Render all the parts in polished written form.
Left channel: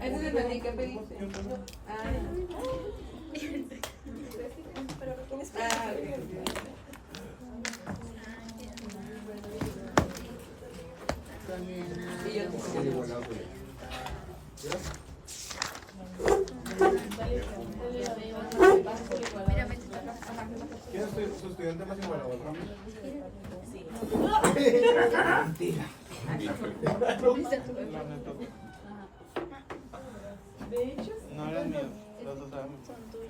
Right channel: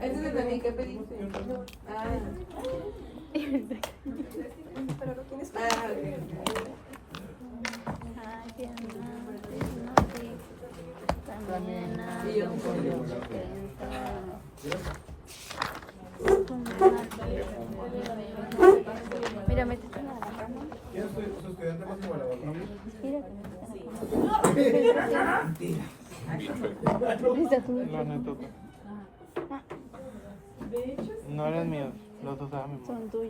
Ese es de ti, ¿qué pediste? Pero lo tienes que Y yo Mira, me ¿Quién es su estudiante más igualador? Mentira. No eran míos, los usamos. son tus.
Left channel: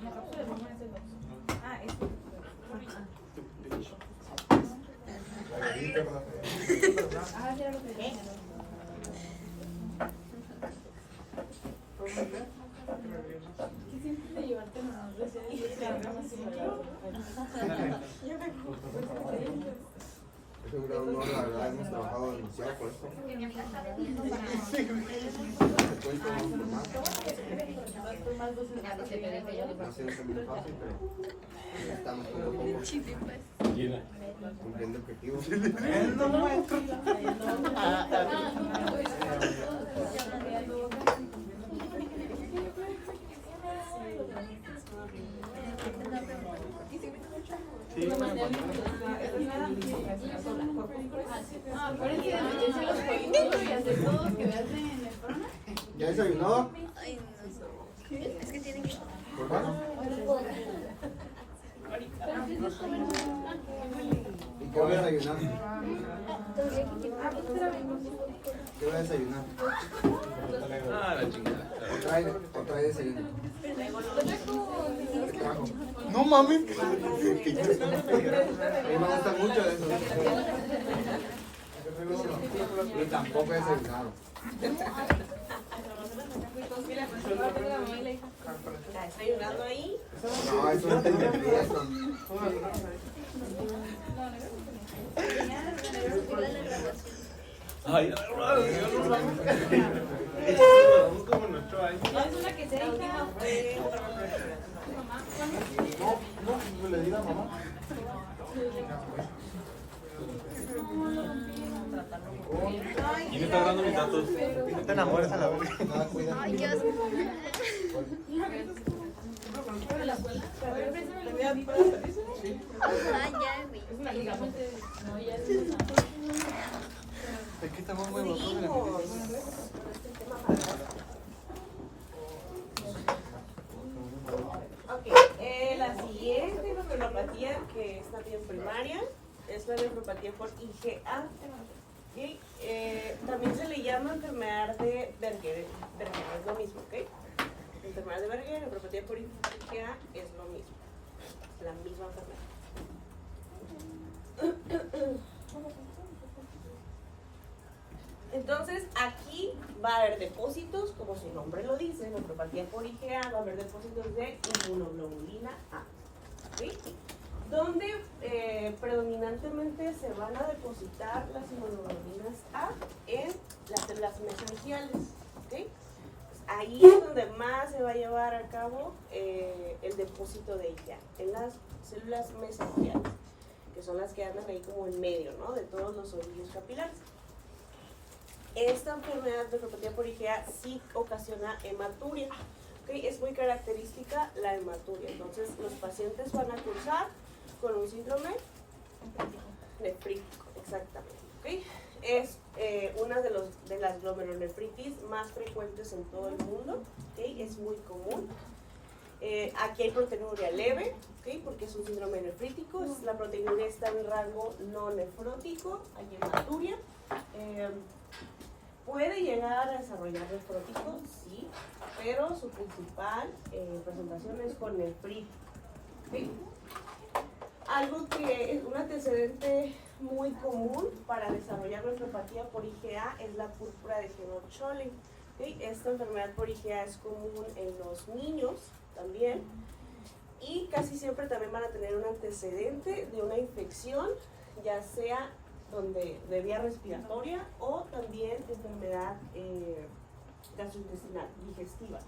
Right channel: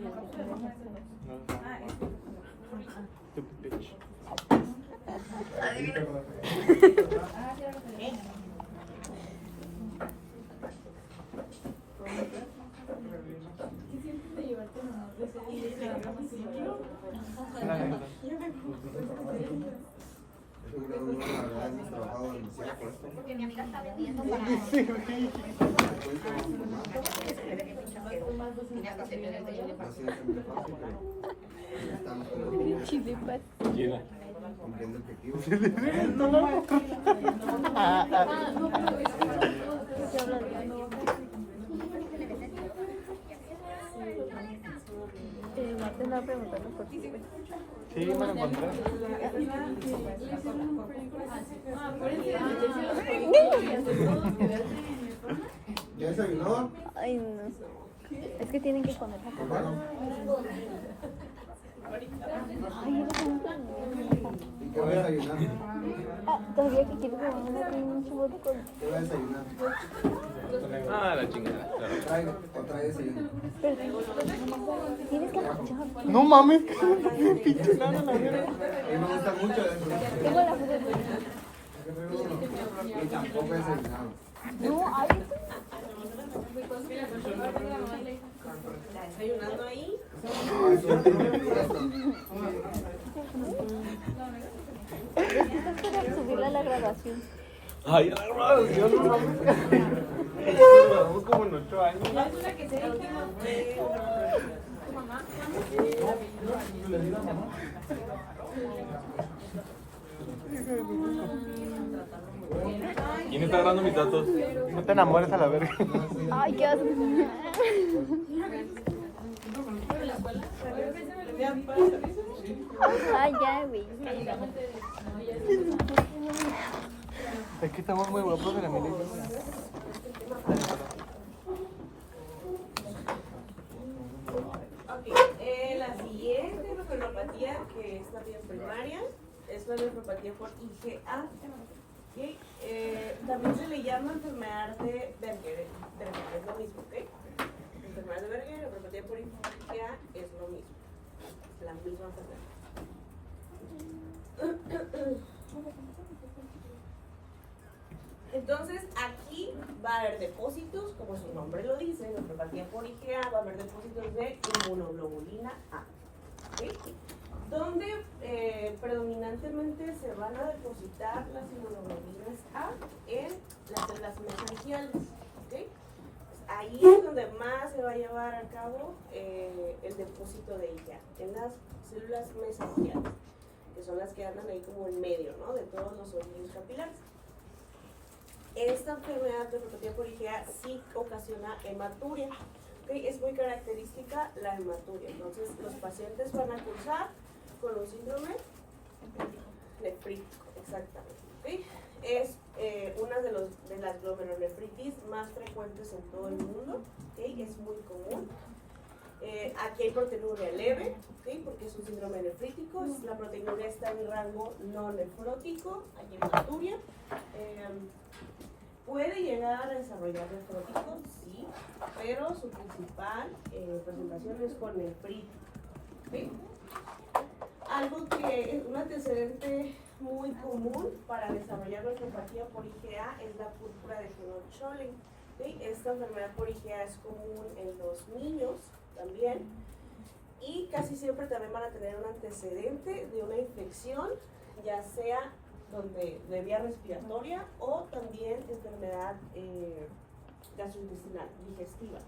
Ahí, perdón. Eso creo que la verdad hemos trabajado demasiado por esto. Porque mi amiga está vendiendo para. No ha sido muy fácil, pero estamos cumpliendo objetivos. Una pregunta, ¿Ya desayunó? ay, no sé. Es que tienen que comer. ¿Por qué? ¿Y qué va a desayunar? Todavía que quiero. ¿Qué va a desayunar? ¿O trae desayuno? No mames. A mí me gusta mucho eso. Y tampoco he desayunado. desayunando ahí. No, eso no tiene que ver. Seguro la graduación. Ay, no, como en 8 años. No le digas mamá. ¿Quién está dando mis datos? No te enamores a la vez. Ay, ya sé. Ay, ya, güey. Aquí estamos muy buenos. Ok, la siguiente nefropatía que es también primaria es la nefropatía por IgA. ¿Okay? También se le llama enfermedad de Berger, es lo mismo, ¿ok? Enfermedad de Berger, nefropatía por IgA es lo mismo, es la misma enfermedad. Entonces aquí va a haber depósitos, como su nombre lo dice, nefropatía por IgA, va a haber depósitos de inmunoglobulina A, ¿okay? Donde predominantemente se van a depositar las inmunoglobulinas A en las células mesangiales, ¿okay? Pues ahí es donde más se va a llevar a cabo el depósito de IgA, en las células mesangiales, que son las que andan ahí como en medio, ¿no?, de todos los ovillos capilares. Esta enfermedad de nefropatía por IgA sí ocasiona hematuria, ¿okay? Es muy característica la hematuria, entonces los pacientes van a cursar con un síndrome nefrítico, exactamente, ¿okay? Es una de las glomerulonefritis más frecuentes en todo el mundo, ¿okay? Es muy común. Aquí hay proteinuria leve, ¿okay? Porque es un síndrome nefrítico, la proteinuria está en rango no nefrótico, hay hematuria. Puede llegar a desarrollar nefrótico, sí, pero su principal presentación es con nefritis, ¿okay? Algo que es un antecedente muy común para desarrollar nefropatía por IgA es la púrpura de Schneur-Schönlein, ¿okay? Esta enfermedad por IgA es común en los niños también, y casi siempre también van a tener un antecedente de una infección, ya sea de vía respiratoria o también enfermedad gastrointestinal, digestiva,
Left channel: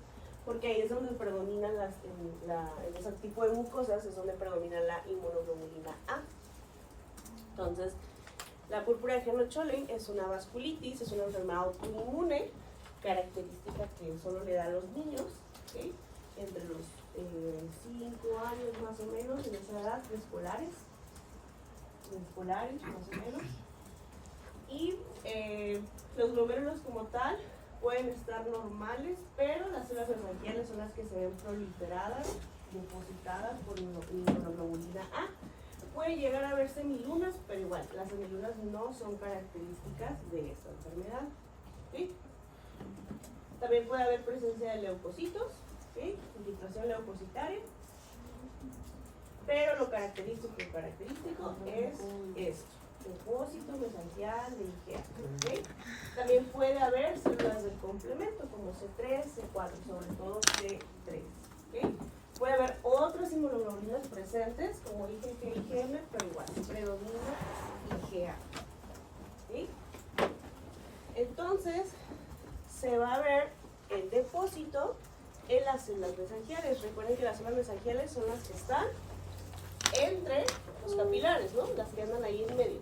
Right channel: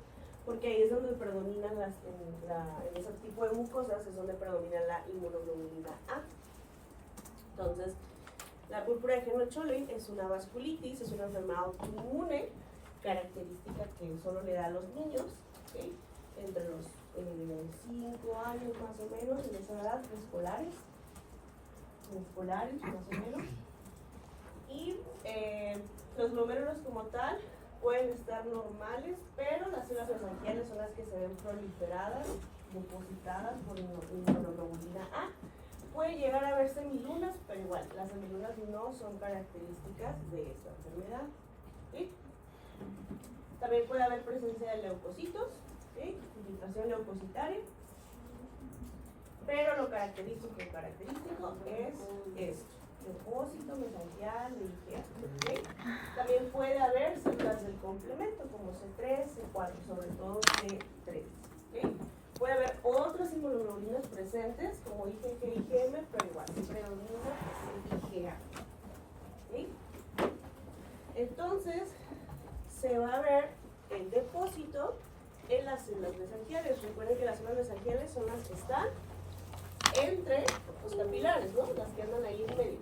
porque ahí es donde predominan en ese tipo de mucosas es donde predomina la inmunoglobulina A. Entonces, La púrpura de Henoch-Schönlein es una vasculitis, es una enfermedad autoinmune, característica que solo le da a los niños, ¿okay? Entre los 5 años más o menos, en esa edad, preescolares más o menos. Y los glomérulos como tal pueden estar normales, pero las células mesangiales son las que se ven proliferadas, depositadas por inmunoglobulina A. Puede llegar a ver semilunas, pero igual, las semilunas no son características de esta enfermedad. ¿Sí? También puede haber presencia de leucocitos, ¿sí? Infiltración leucocitaria. Pero lo característico es esto, depósito mesangial de IgA. ¿Okay? También puede haber células del complemento como C3, C4, sobre todo C3. ¿Okay? Puede haber otras inmunoglobulinas presentes como IgG y IgM, pero igual, predomina IgA. ¿Okay? Entonces, se va a ver el depósito en las células mesangiales. Recuerden que las células mesangiales son las que están entre los capilares, ¿no? Las que andan ahí en medio,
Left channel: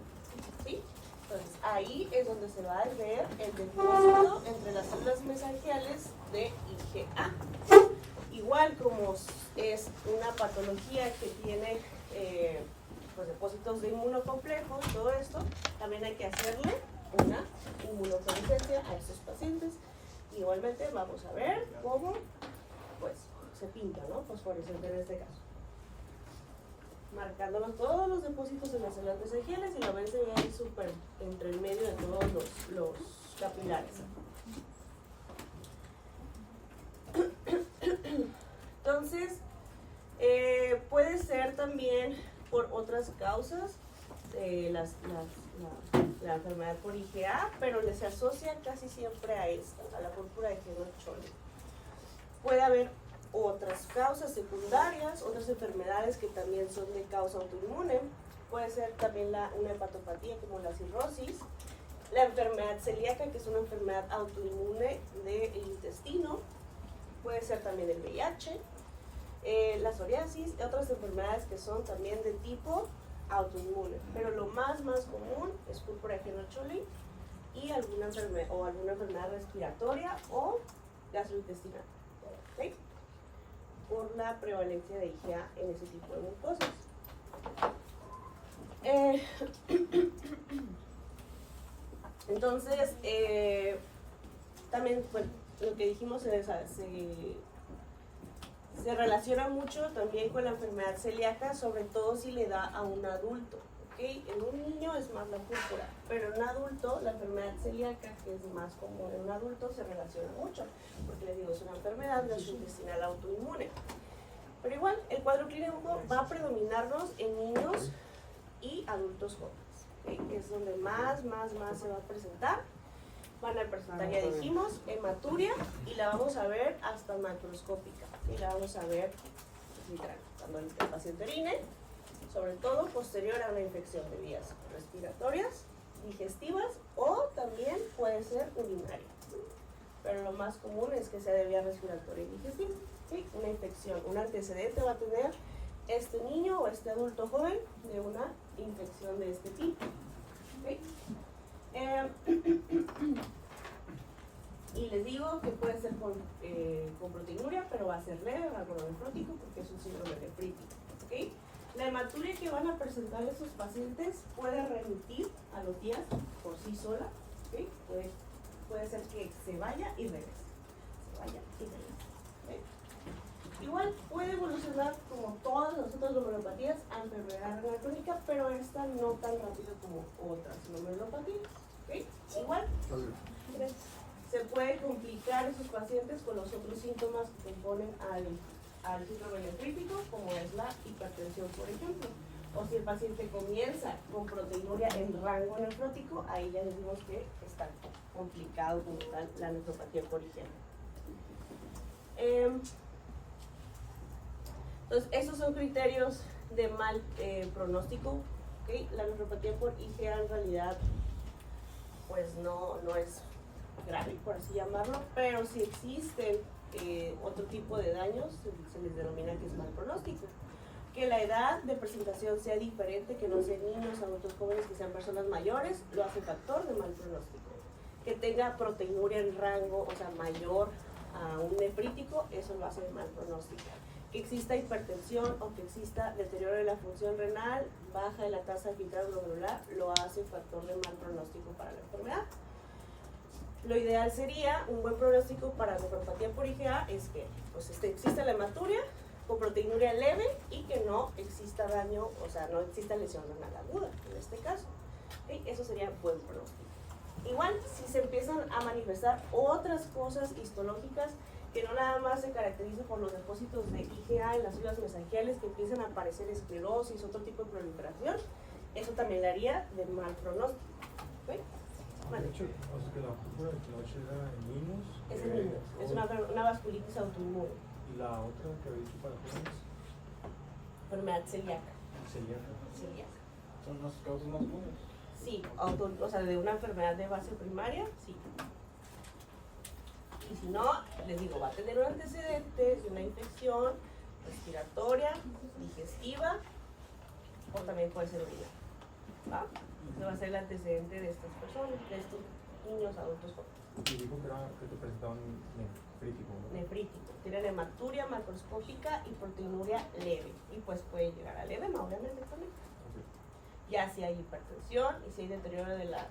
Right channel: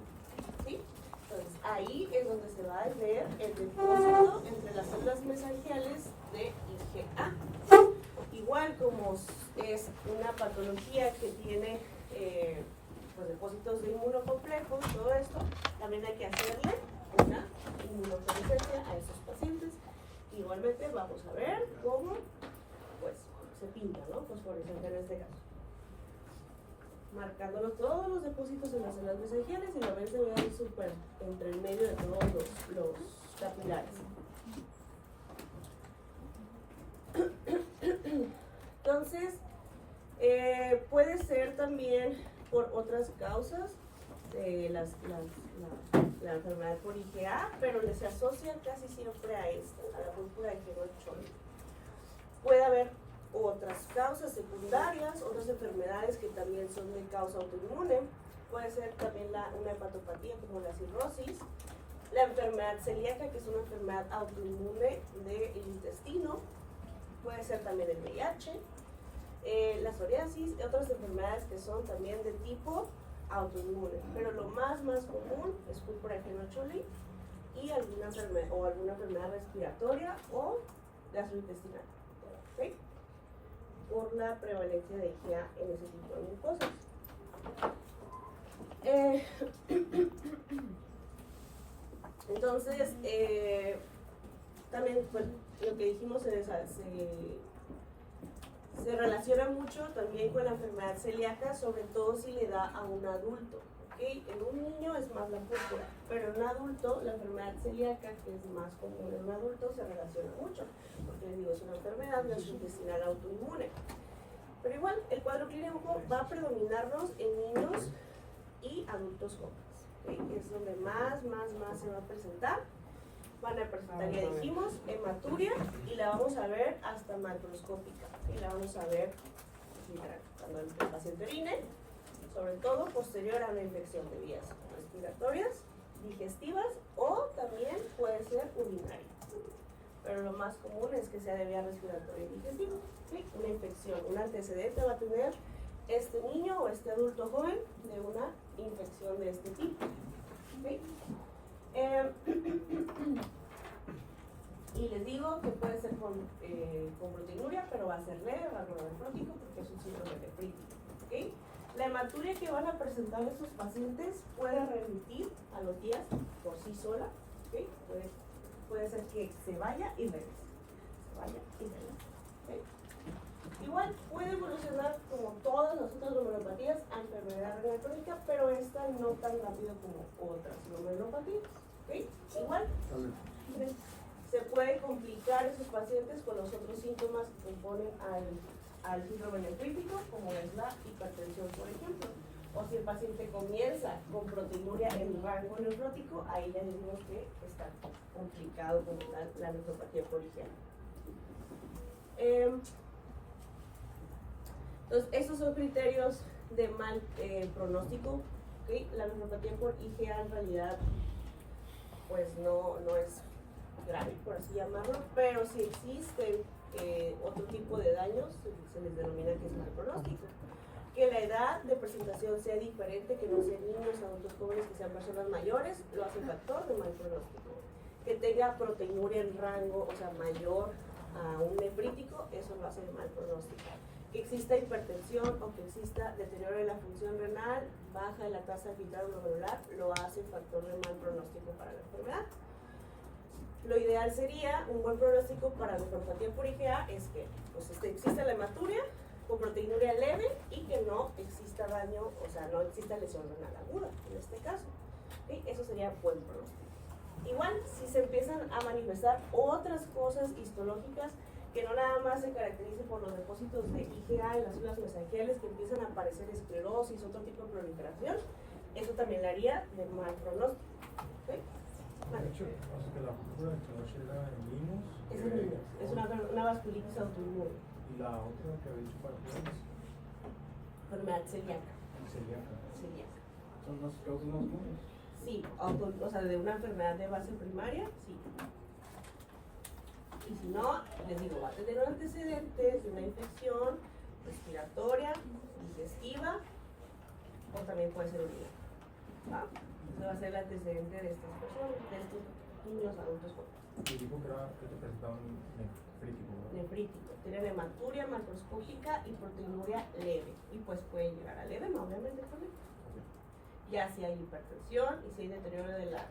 ¿sí? Entonces, ahí es donde se va a ver el depósito entre las células mesangiales de IgA. Igual como es una patología que tiene pues depósitos de inmunocomplejos, todo esto, también hay que hacerle una inmunofluorescencia a estos pacientes. Igualmente vamos a ver cómo pues se pinta, ¿no? Fosforescente en este caso. Marcándonos todos los depósitos en las células mesangiales y la ven se ve ahí súper entre el medio de todos los capilares. Entonces, puede ser también por otras causas la enfermedad por IgA, pero se asocia casi siempre a esta, a la púrpura de Henoch-Schönlein. Puede haber otras causas secundarias, otras enfermedades que también son de causa autoinmune. Puede ser también una hepatopatía como la cirrosis, la enfermedad celíaca, que es una enfermedad autoinmune del intestino. Puede ser también el VIH, la psoriasis, otras enfermedades que son también de tipo autoinmune. Pero lo más común es púrpura de Henoch-Schönlein y alguna enfermedad respiratoria o gastrointestinal. ¿Okay? Por la prevalencia de IgA en ese tipo de mucosas. Entonces, también, bueno, lo que dijimos se relaciona mucho también con la enfermedad celíaca, sobre todo si le da a un adulto. ¿Okay? En un niño es más la púrpura, pero en un adulto la enfermedad celíaca, que es más común en un adulto, se relaciona mucho, porque les digo, es una enfermedad gastrointestinal autoinmune. Pero igual, el cuadro clínico va a predominarnos en niños y adultos jóvenes, ¿okay? Que es donde más se va a presentar. Van a presentar, ya dijimos, hematuria, y la vamos a ver hasta macroscópica, y la vamos a ver literal, cuando el paciente orine, sobre todo posterior a una infección de vías respiratorias, digestivas o también puede ser urinaria. Pero lo más común es que sea de vía respiratoria y digestiva. ¿Sí? Una infección, un antecedente va a tener este niño o este adulto joven de una infección de este tipo. ¿Sí? Y les digo que puede ser con proteinuria, pero va a ser leve, algo nefrótico, porque es un síndrome nefrítico. ¿Okay? La hematuria que van a presentar esos pacientes puede remitir a los días por sí sola. ¿Okay? Puede ser que se vaya y regrese. ¿Okay? Igual puede evolucionar como todas las otras glomerulopatías a enfermedad renal crónica, pero esta no tan rápido como otras glomerulopatías. ¿Okay? Igual se puede complicar esos pacientes con los otros síntomas que componen al síndrome nefrítico, como es la hipertensión, por ejemplo. O si el paciente comienza con proteinuria en rango nefrótico, ahí ya decimos que está complicado como la nefropatía por IgA. Entonces, esos son criterios de mal pronóstico. ¿Okay? La nefropatía por IgA en realidad pues no es grave, por así llamarlo, pero si existen otro tipo de daños, se les denomina que es mal pronóstico. Que la edad de presentación sea diferente, que no sean niños, adultos jóvenes, que sean personas mayores, lo hace factor de mal pronóstico. Que tenga proteinuria en rango, o sea, mayor a un nefrítico, eso lo hace de mal pronóstico. Que exista hipertensión o que exista deterioro de la función renal, baja de la tasa de filtrado glomerular, lo hace factor de mal pronóstico para la enfermedad. Lo ideal sería, un buen pronóstico para nefropatía por IgA es que pues, exista la hematuria con proteinuria leve y que no exista daño, o sea, no exista lesión renal aguda en este caso. ¿Sí? Eso sería buen pronóstico. Igual, si se empiezan a manifestar otras cosas histológicas que no nada más se caracterizan por los depósitos de IgA en las células mesangiales, que empiezan a aparecer esclerosis, otro tipo de proliferación, eso también le haría de mal pronóstico. ¿Sí? Bueno, De hecho, o sea, que la púrpura de Cloche era en niños. es el niño, es una vasculitis autoinmune, Y la otra que había dicho para jóvenes, enfermedad celíaca. celíaca. Celíaca. Son las causas más comunes. Sí, o sea, de una enfermedad de base primaria, sí. Y si no, les digo, va a tener un antecedente de una infección respiratoria, digestiva, o también puede ser urina. ¿Va? Ese va a ser el antecedente de estas personas, de estos niños adultos jóvenes. Y dijo que te presentaba un nefrítico. Nefrítico. Tienen hematuria macroscópica y proteinuria leve. Y pues puede llegar al edema, obviamente también. Ya si hay hipertensión y si hay deterioro de la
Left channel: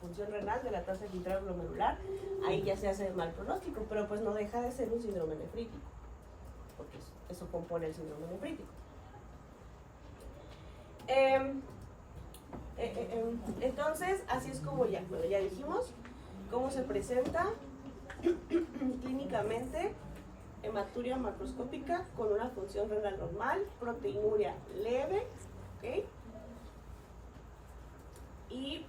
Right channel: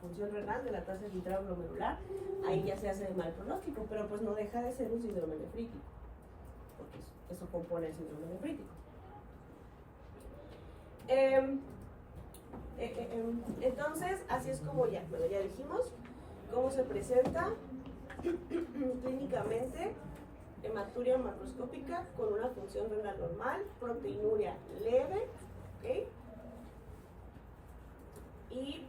función renal, de la tasa de filtrado glomerular, ahí ya se hace de mal pronóstico, pero pues no deja de ser un síndrome nefrítico, porque eso compone el síndrome nefrítico. Entonces, así es como ya dijimos cómo se presenta clínicamente. Hematuria macroscópica con una función renal normal, proteinuria leve, ¿ok? Y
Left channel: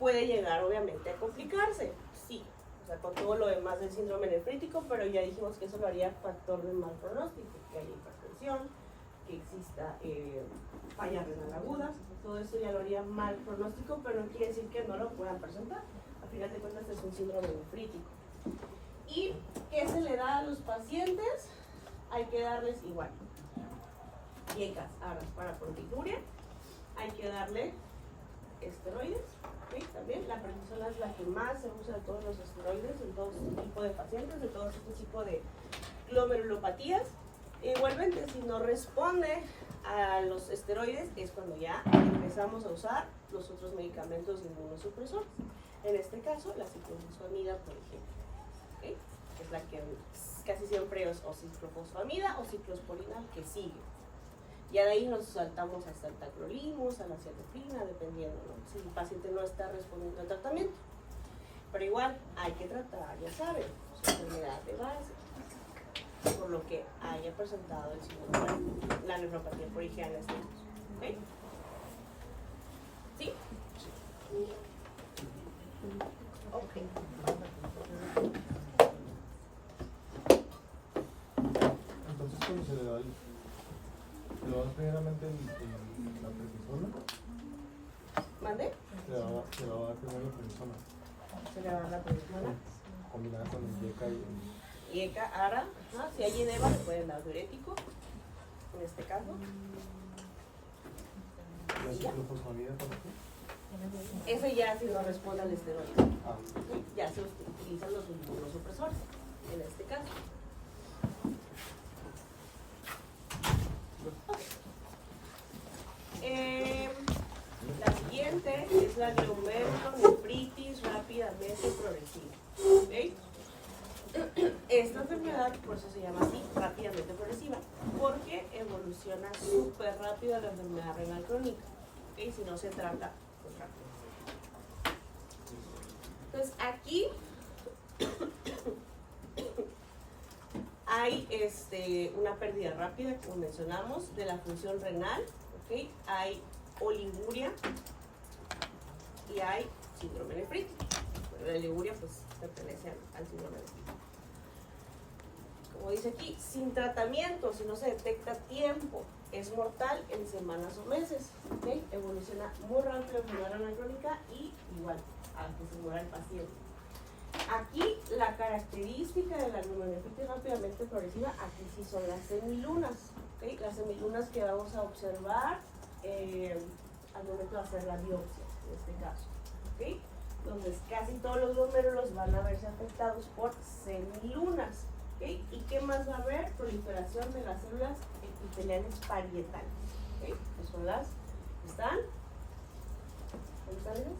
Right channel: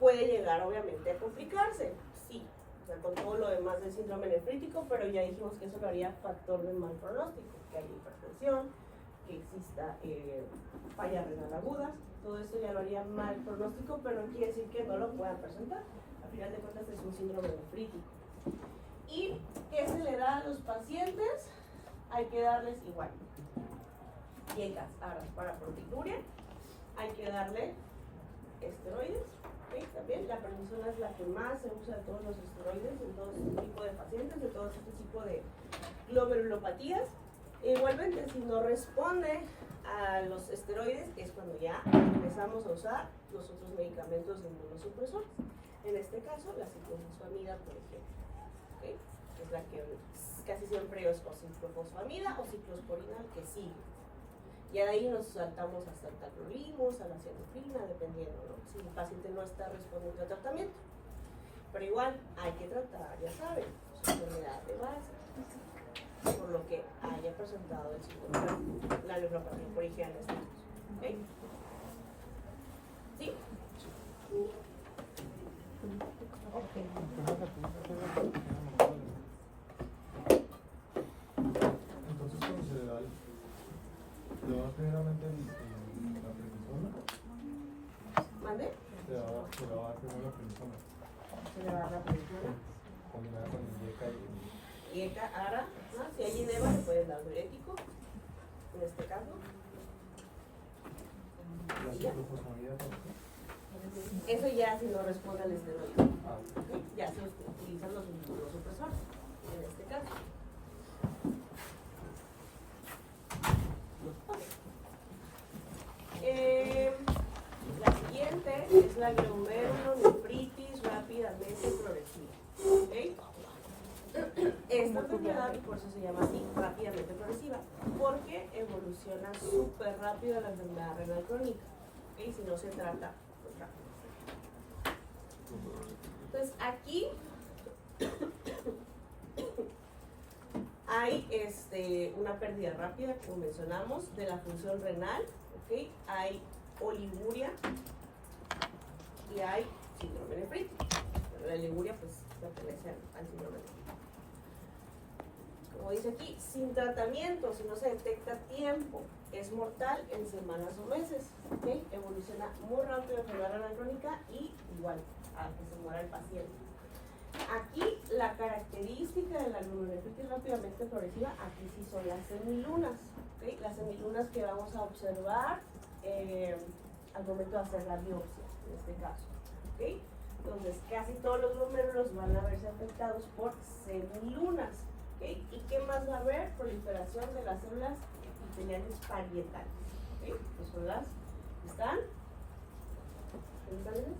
puede llegar obviamente a complicarse, sí, o sea, con todo lo demás del síndrome nefrítico, pero ya dijimos que eso lo haría factor de mal pronóstico, que haya hipertensión, que exista falla renal aguda, todo esto ya lo haría mal pronóstico, pero no quiere decir que no lo puedan presentar, al final de cuentas es un síndrome nefrítico. ¿Y qué se le da a los pacientes? Hay que darles igual. IgA para proteinuria, hay que darle esteroides, ¿sí? También la prednisona es la que más se usa de todos los esteroides en todo este tipo de pacientes, de todo este tipo de glomerulopatías. Igualmente, si no responde a los esteroides, es cuando ya empezamos a usar los otros medicamentos de inmunosupresores. En este caso, la ciclofosfamida, por ejemplo. ¿Okay? Es la que casi siempre es o ciclofosfamida o ciclosporina el que sigue. Ya de ahí nos saltamos hasta el tacrolimus, a la cianofrina, dependiendo, ¿no? Si el paciente no está respondiendo al tratamiento. Pero igual hay que tratar, ya saben, su enfermedad de base, por lo que haya presentado el síndrome, la nefropatía por IgA en este caso. ¿Okay? ¿Sí? Ok. Entonces, ¿cómo se le da? ¿Le da primeramente la prednisona? ¿Mande? Se le da primero la prednisona. Se le va a dar la prednisona. Combinada con el IgA y el... IgA, ARA, si hay edema, le pueden dar diurético, en este caso. ¿La ciclofosfamida por qué? Eso ya si no responde al esteroide. Ah, ¿Sí? Ya se utilizan los inmunosupresores, en este caso. La siguiente es la glomerulonefritis rápidamente progresiva. ¿Okay? Esta enfermedad, por eso se llama así, rápidamente progresiva, porque evoluciona súper rápido la enfermedad renal crónica, ¿okay? Si no se trata pues rápido. Entonces aquí hay una pérdida rápida, como mencionamos, de la función renal, ¿okay? Hay oliguria y hay síndrome nefrítico. La oliguria pues pertenece al síndrome nefrítico. Como dice aquí, sin tratamiento, si no se detecta a tiempo, es mortal en semanas o meses. ¿Okay? Evoluciona muy rápido la enfermedad renal crónica y igual a que se muera el paciente. Aquí la característica de la glomerulonefritis rápidamente progresiva, aquí sí son las semilunas, ¿ok? Las semilunas que vamos a observar al momento de hacer la biopsia, en este caso, ¿ok? Entonces, casi todos los glomérulos van a verse afectados por semilunas, ¿ok? ¿Y qué más va a haber? Proliferación de las células epiteliales parietales, ¿ok? Que son las que están, ¿cómo están ellas?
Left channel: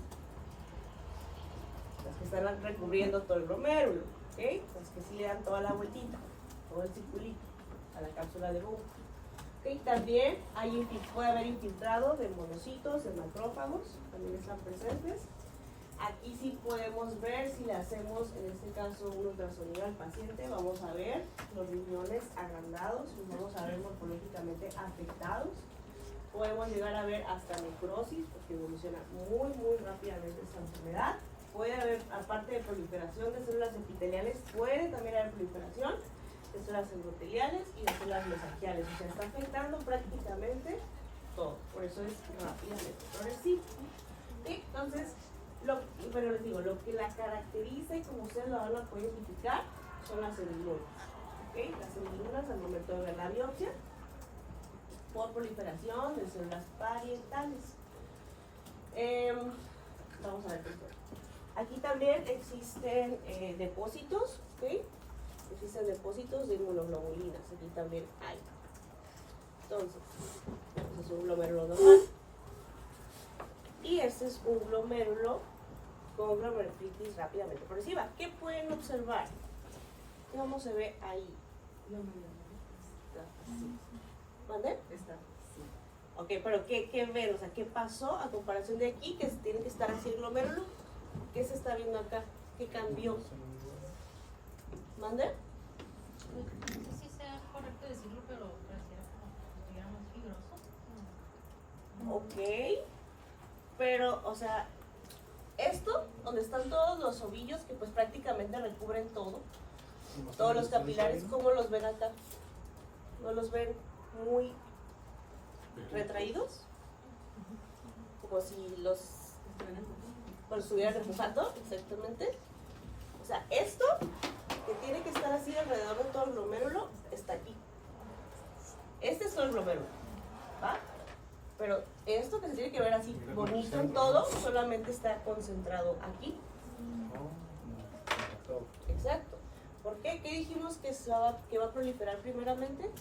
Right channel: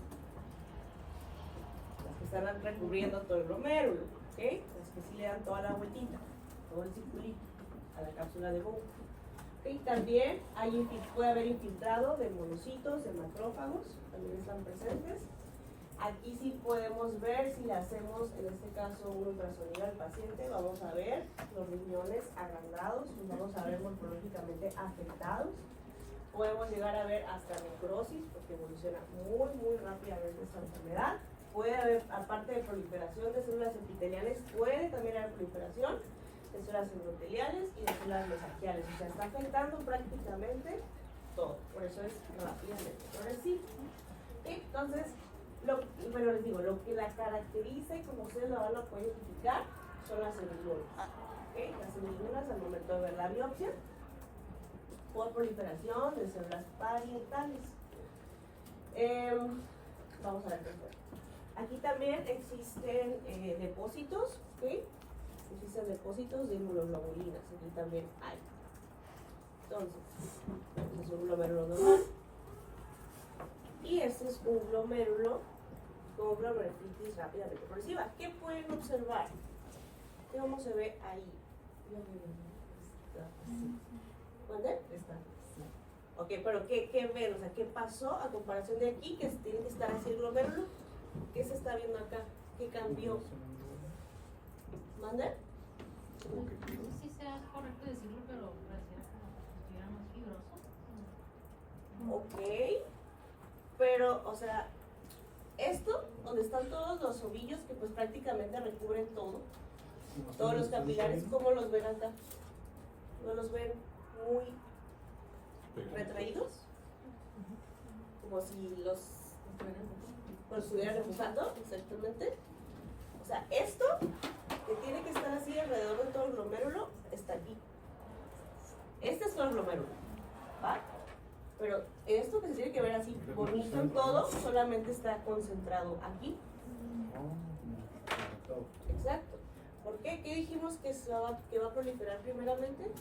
Las que están recubriendo todo el glomérulo, ¿ok? Las que sí le dan toda la vueltita, todo el circulito a la cápsula de Bowman. ¿Ok? También puede haber infiltrado de monocitos, de macrófagos, también están presentes. Aquí sí podemos ver, si le hacemos en este caso un ultrasonido al paciente, vamos a ver los riñones agrandados, los vamos a ver morfológicamente afectados. Podemos llegar a ver hasta necrosis, porque evoluciona muy rápidamente esta enfermedad. Puede haber, aparte de proliferación de células epiteliales, puede también haber proliferación de células endoteliales y de células mesangiales. O sea, está afectando prácticamente todo. Por eso es rápidamente progresivo. ¿Sí? Entonces, les digo, lo que la caracteriza y como ustedes lo van a poder identificar son las semilunas. ¿Okay? Las semilunas al momento de ver la biopsia por proliferación de células parietales. Vamos a ver después. Aquí también existen depósitos, ¿ok? Existen depósitos de inmunoglobulinas, aquí también hay. Entonces, este es un glomérulo normal. Y este es un glomérulo con glomerulonefritis rápidamente progresiva. ¿Qué pueden observar? ¿Cómo se ve ahí? ¿Dónde? Está. Ok, pero ¿qué ven? O sea, ¿qué pasó a comparación de aquí? Que tiene que estar así el glomérulo. ¿Qué se está viendo acá? ¿Qué cambió? ¿Mande? No sé si sea correcto decirlo, pero parecía como si estuviera más fibroso. Ok, pero, o sea, esto, donde están todos los ovillos que pues prácticamente recubren todo, todos los capilares, ¿cómo los ven acá? ¿No los ven muy retraídos? Como si los estuvieran empujando, exactamente. O sea, esto que tiene que estar así alrededor de todo el glomérulo está aquí. Este es todo el glomérulo, ¿va? Pero esto que se tiene que ver así bonito en todo, solamente está concentrado aquí. Exacto. ¿Por qué? ¿Qué dijimos que va a proliferar primeramente?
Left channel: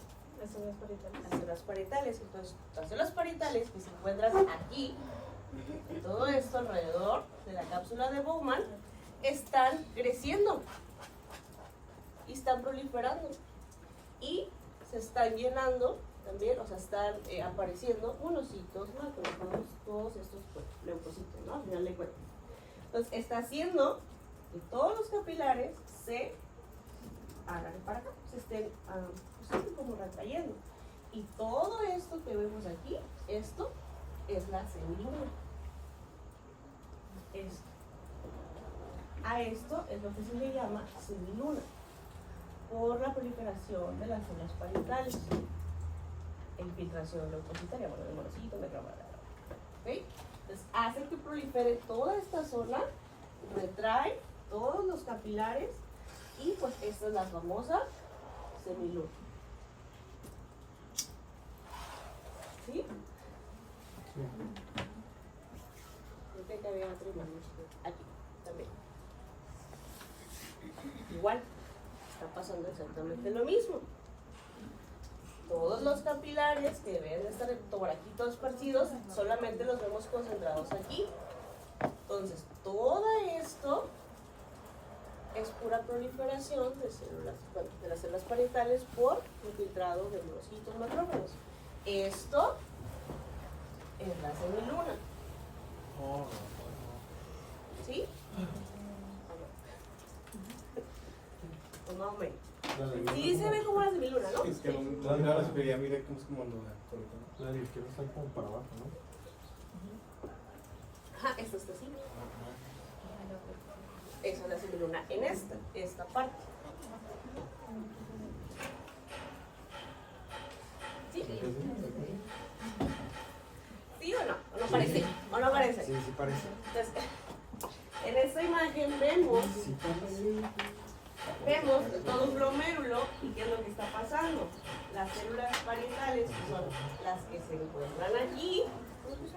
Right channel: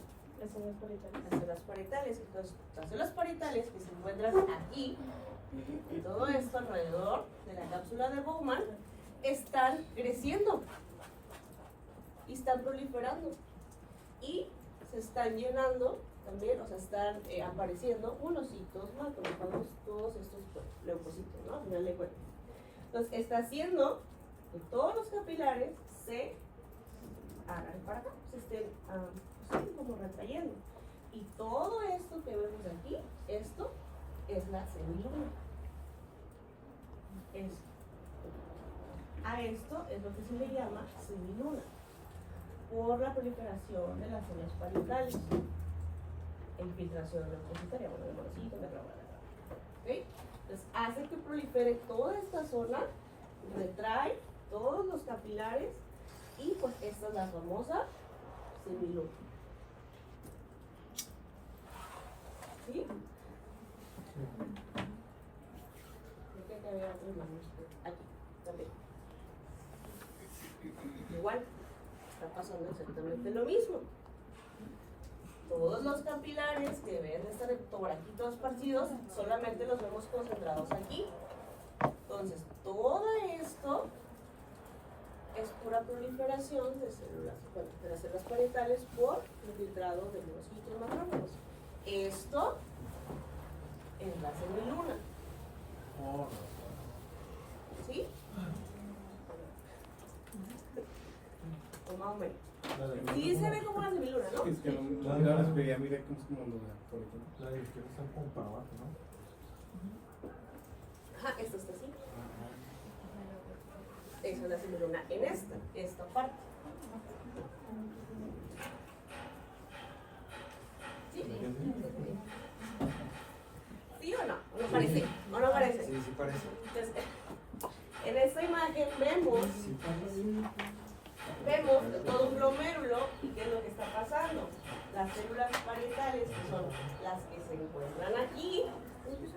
Las células parietales. Las células parietales. Entonces, las células parietales que se encuentran aquí, en todo esto alrededor de la cápsula de Bowman, están creciendo y están proliferando y se están llenando también, o sea, están apareciendo monocitos, macrófagos, todos estos pues, leucocitos, ¿no? Al final de cuentas. Entonces, está haciendo que todos los capilares se hagan para acá, se estén como retrayendo. Y todo esto que vemos aquí, esto es la semiluna. Esto. A esto es lo que se le llama semiluna, por la proliferación de las células parietales, infiltración leucocitaria, bueno, de monocitos, ¿ok? Entonces hace que prolifere toda esta zona, retrae todos los capilares y pues esta es la famosa semiluna. ¿Sí? Yo que había otro imagen. Aquí, también. Igual, está pasando exactamente lo mismo. Todos los capilares que deben de estar por aquí todos esparcidos, solamente los vemos concentrados aquí. Entonces, todo esto es pura proliferación de células, bueno, de las células parietales por infiltrado de monocitos macrófagos. Esto es la semiluna. ¿Sí? Más o menos. Sí se ve como una semiluna, ¿no? Es que no mira la superioridad, mira cómo es como luna. La de izquierda está como para abajo, ¿no? Ajá, esto está así. Esa es la semiluna en esta parte. ¿Sí? ¿Sí o no? ¿O no parece? ¿O no parece? Sí, sí parece. Entonces, en esta imagen vemos todo un glomérulo y qué es lo que está pasando. Las células parietales, que son las que se encuentran aquí,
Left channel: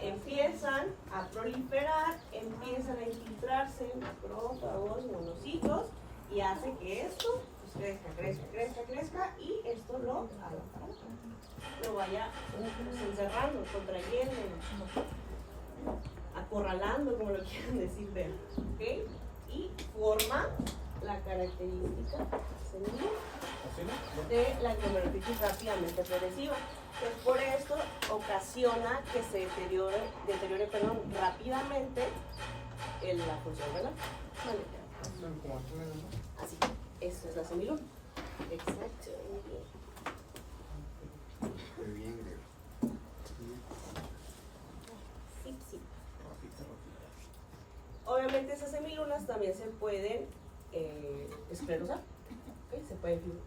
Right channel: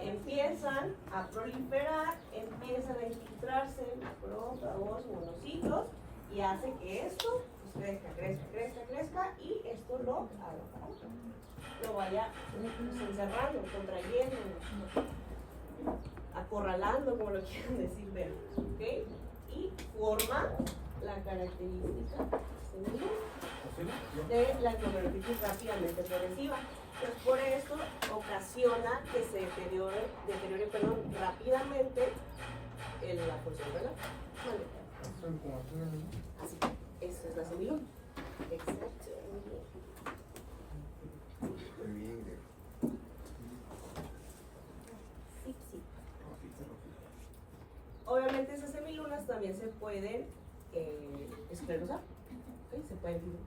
empiezan a proliferar, empiezan a infiltrarse macrófagos, monocitos, y hace que esto pues, crezca y esto lo vaya pues, encerrando, contrayendo, acorralando, como lo quieran decir, vean, ¿ok? Y forma la característica de la glomerulitis rápidamente progresiva. Entonces, por esto ocasiona que se deteriore rápidamente la función de la así, esto es la semiluna. Exacto, muy bien. Sí. Obviamente esas semilunas también se pueden esclerosar, ¿okay? Se pueden fibrar.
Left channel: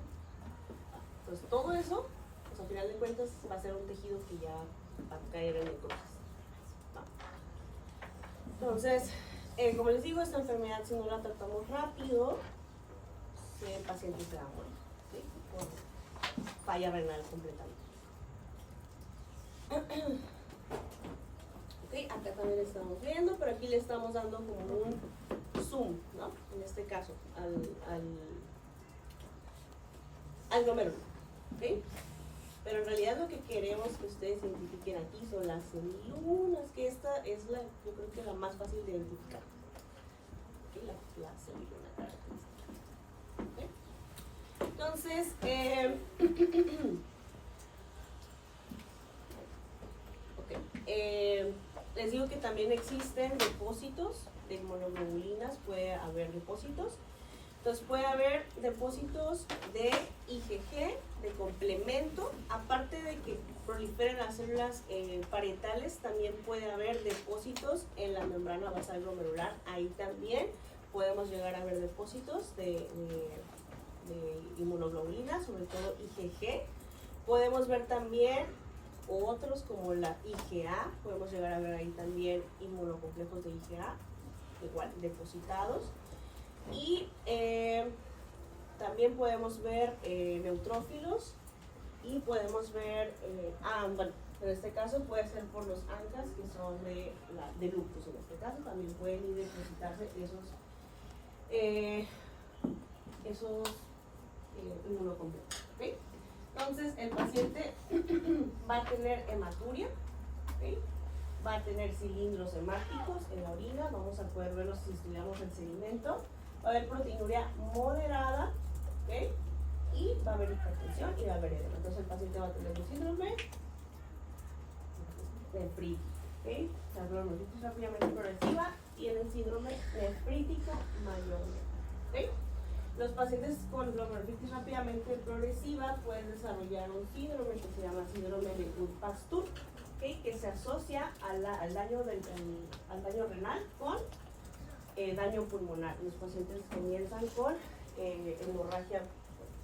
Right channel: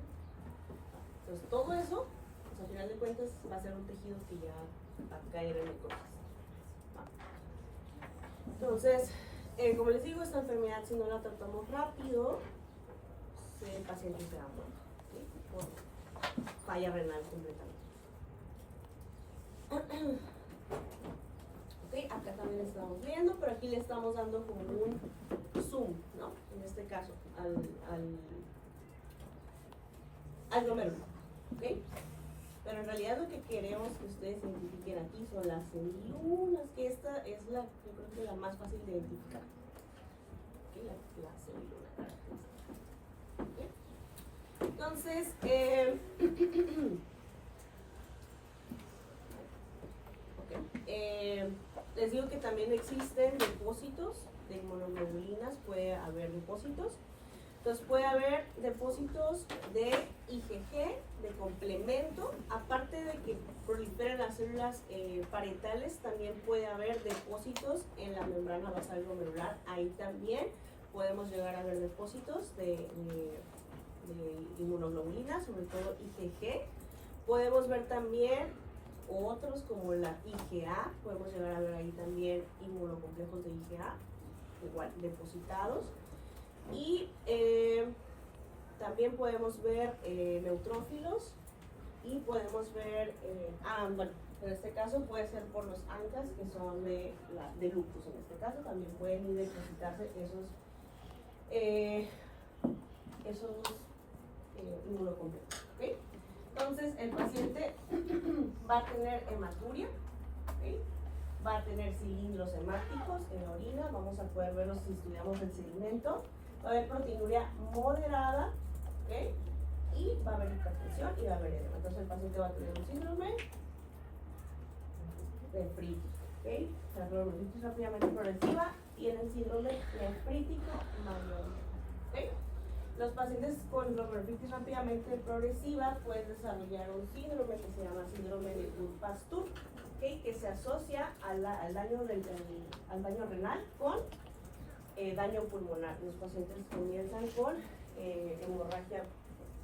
Entonces todo eso, pues, al final de cuentas, va a ser un tejido que ya va a caer en necrosis. Entonces, como les digo, esta enfermedad, si no la tratamos rápido, el paciente se va a morir, ¿sí? Por falla renal completamente. Okay, acá también estamos viendo, pero aquí le estamos dando como un zoom, ¿no? En este caso, al glomérulo, ¿okay? Pero en realidad lo que queremos que ustedes identifiquen aquí son las semilunas, que esta es yo creo que la más fácil de identificar. ¿Okay? La semiluna característica. Entonces, les digo que también existen depósitos de inmunoglobulinas, puede haber depósitos. Entonces puede haber depósitos de IgG, de complemento, aparte de que proliferen las células parietales, también puede haber depósitos en la membrana basal glomerular. Ahí también podemos llegar a ver depósitos de inmunoglobulinas, sobre todo IgG. Podemos ver también otros como la IgA, podemos llegar a ver ahí también inmunocomplejos de IgA, igual depositados. Y también podemos ver neutrófilos y podemos ver, bueno, en este caso puede ser por los ANCAs que son de lupus. En este caso también pueden ir depositarse esos inmunocomplejos. ¿Okay? Entonces el paciente va a tener hematuria, ¿okay? Va a tener cilindros hemáticos en la orina, vamos a poder verlos si estudiamos el sedimento. Va a haber proteinuria moderada, ¿okay? Y va a haber hipertensión y va a haber edema. Entonces el paciente va a tener un síndrome nefrítico, ¿okay? La glomerulitis rápidamente progresiva tienen síndrome nefrítico mayormente, ¿okay? Los pacientes con glomerulitis rápidamente progresiva pueden desarrollar un síndrome que se llama síndrome de Wood-Pasteur, ¿okay? Que se asocia al daño renal con daño pulmonar. Los pacientes comienzan con hemorragia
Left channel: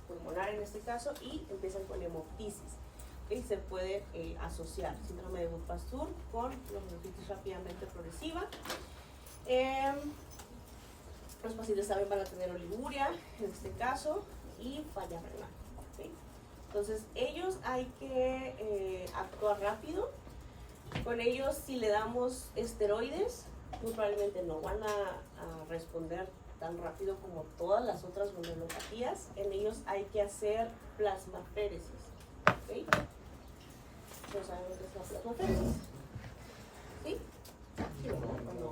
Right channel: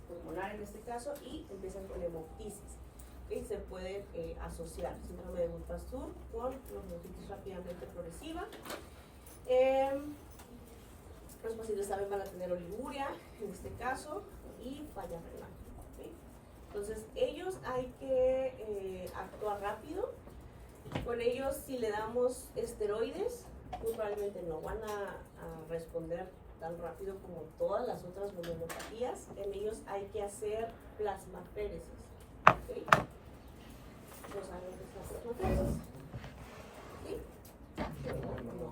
pulmonar en este caso y empiezan con hemoptisis. ¿Okay? Se puede asociar síndrome de Wood-Pasteur con glomerulitis rápidamente progresiva. Los pacientes también van a tener oliguria en este caso y falla renal. ¿Okay? Entonces ellos hay que actuar rápido. Con ellos, si le damos esteroides, muy probablemente no van a responder tan rápido como todas las otras glomerulopatías. En ellos hay que hacer plasmaféresis. ¿Okay? ¿No saben lo que es la plasmaféresis? ¿Sí? Sí, ¿verdad? No.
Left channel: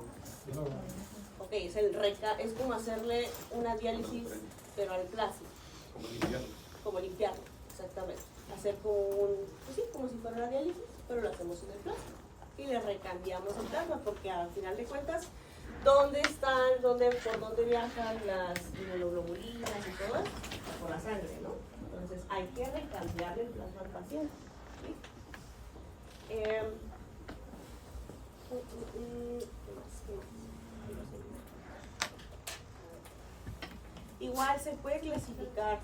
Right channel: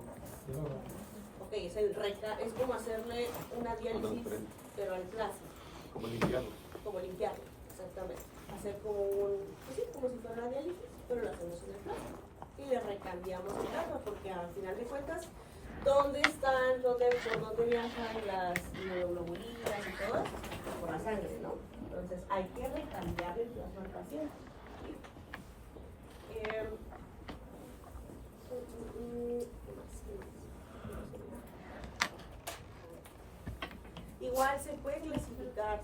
Ok, es como hacerle una diálisis, pero al plasma. Como limpiarlo, exactamente. Hacer como como si fuera una diálisis, pero lo hacemos en el plasma. Y le recambiamos el plasma, porque al final de cuentas, ¿por dónde viajan las inmunoglobulinas y todo? Por la sangre, ¿no? Entonces hay que recambiar el plasma al paciente. ¿Sí? Igual se puede clasificar,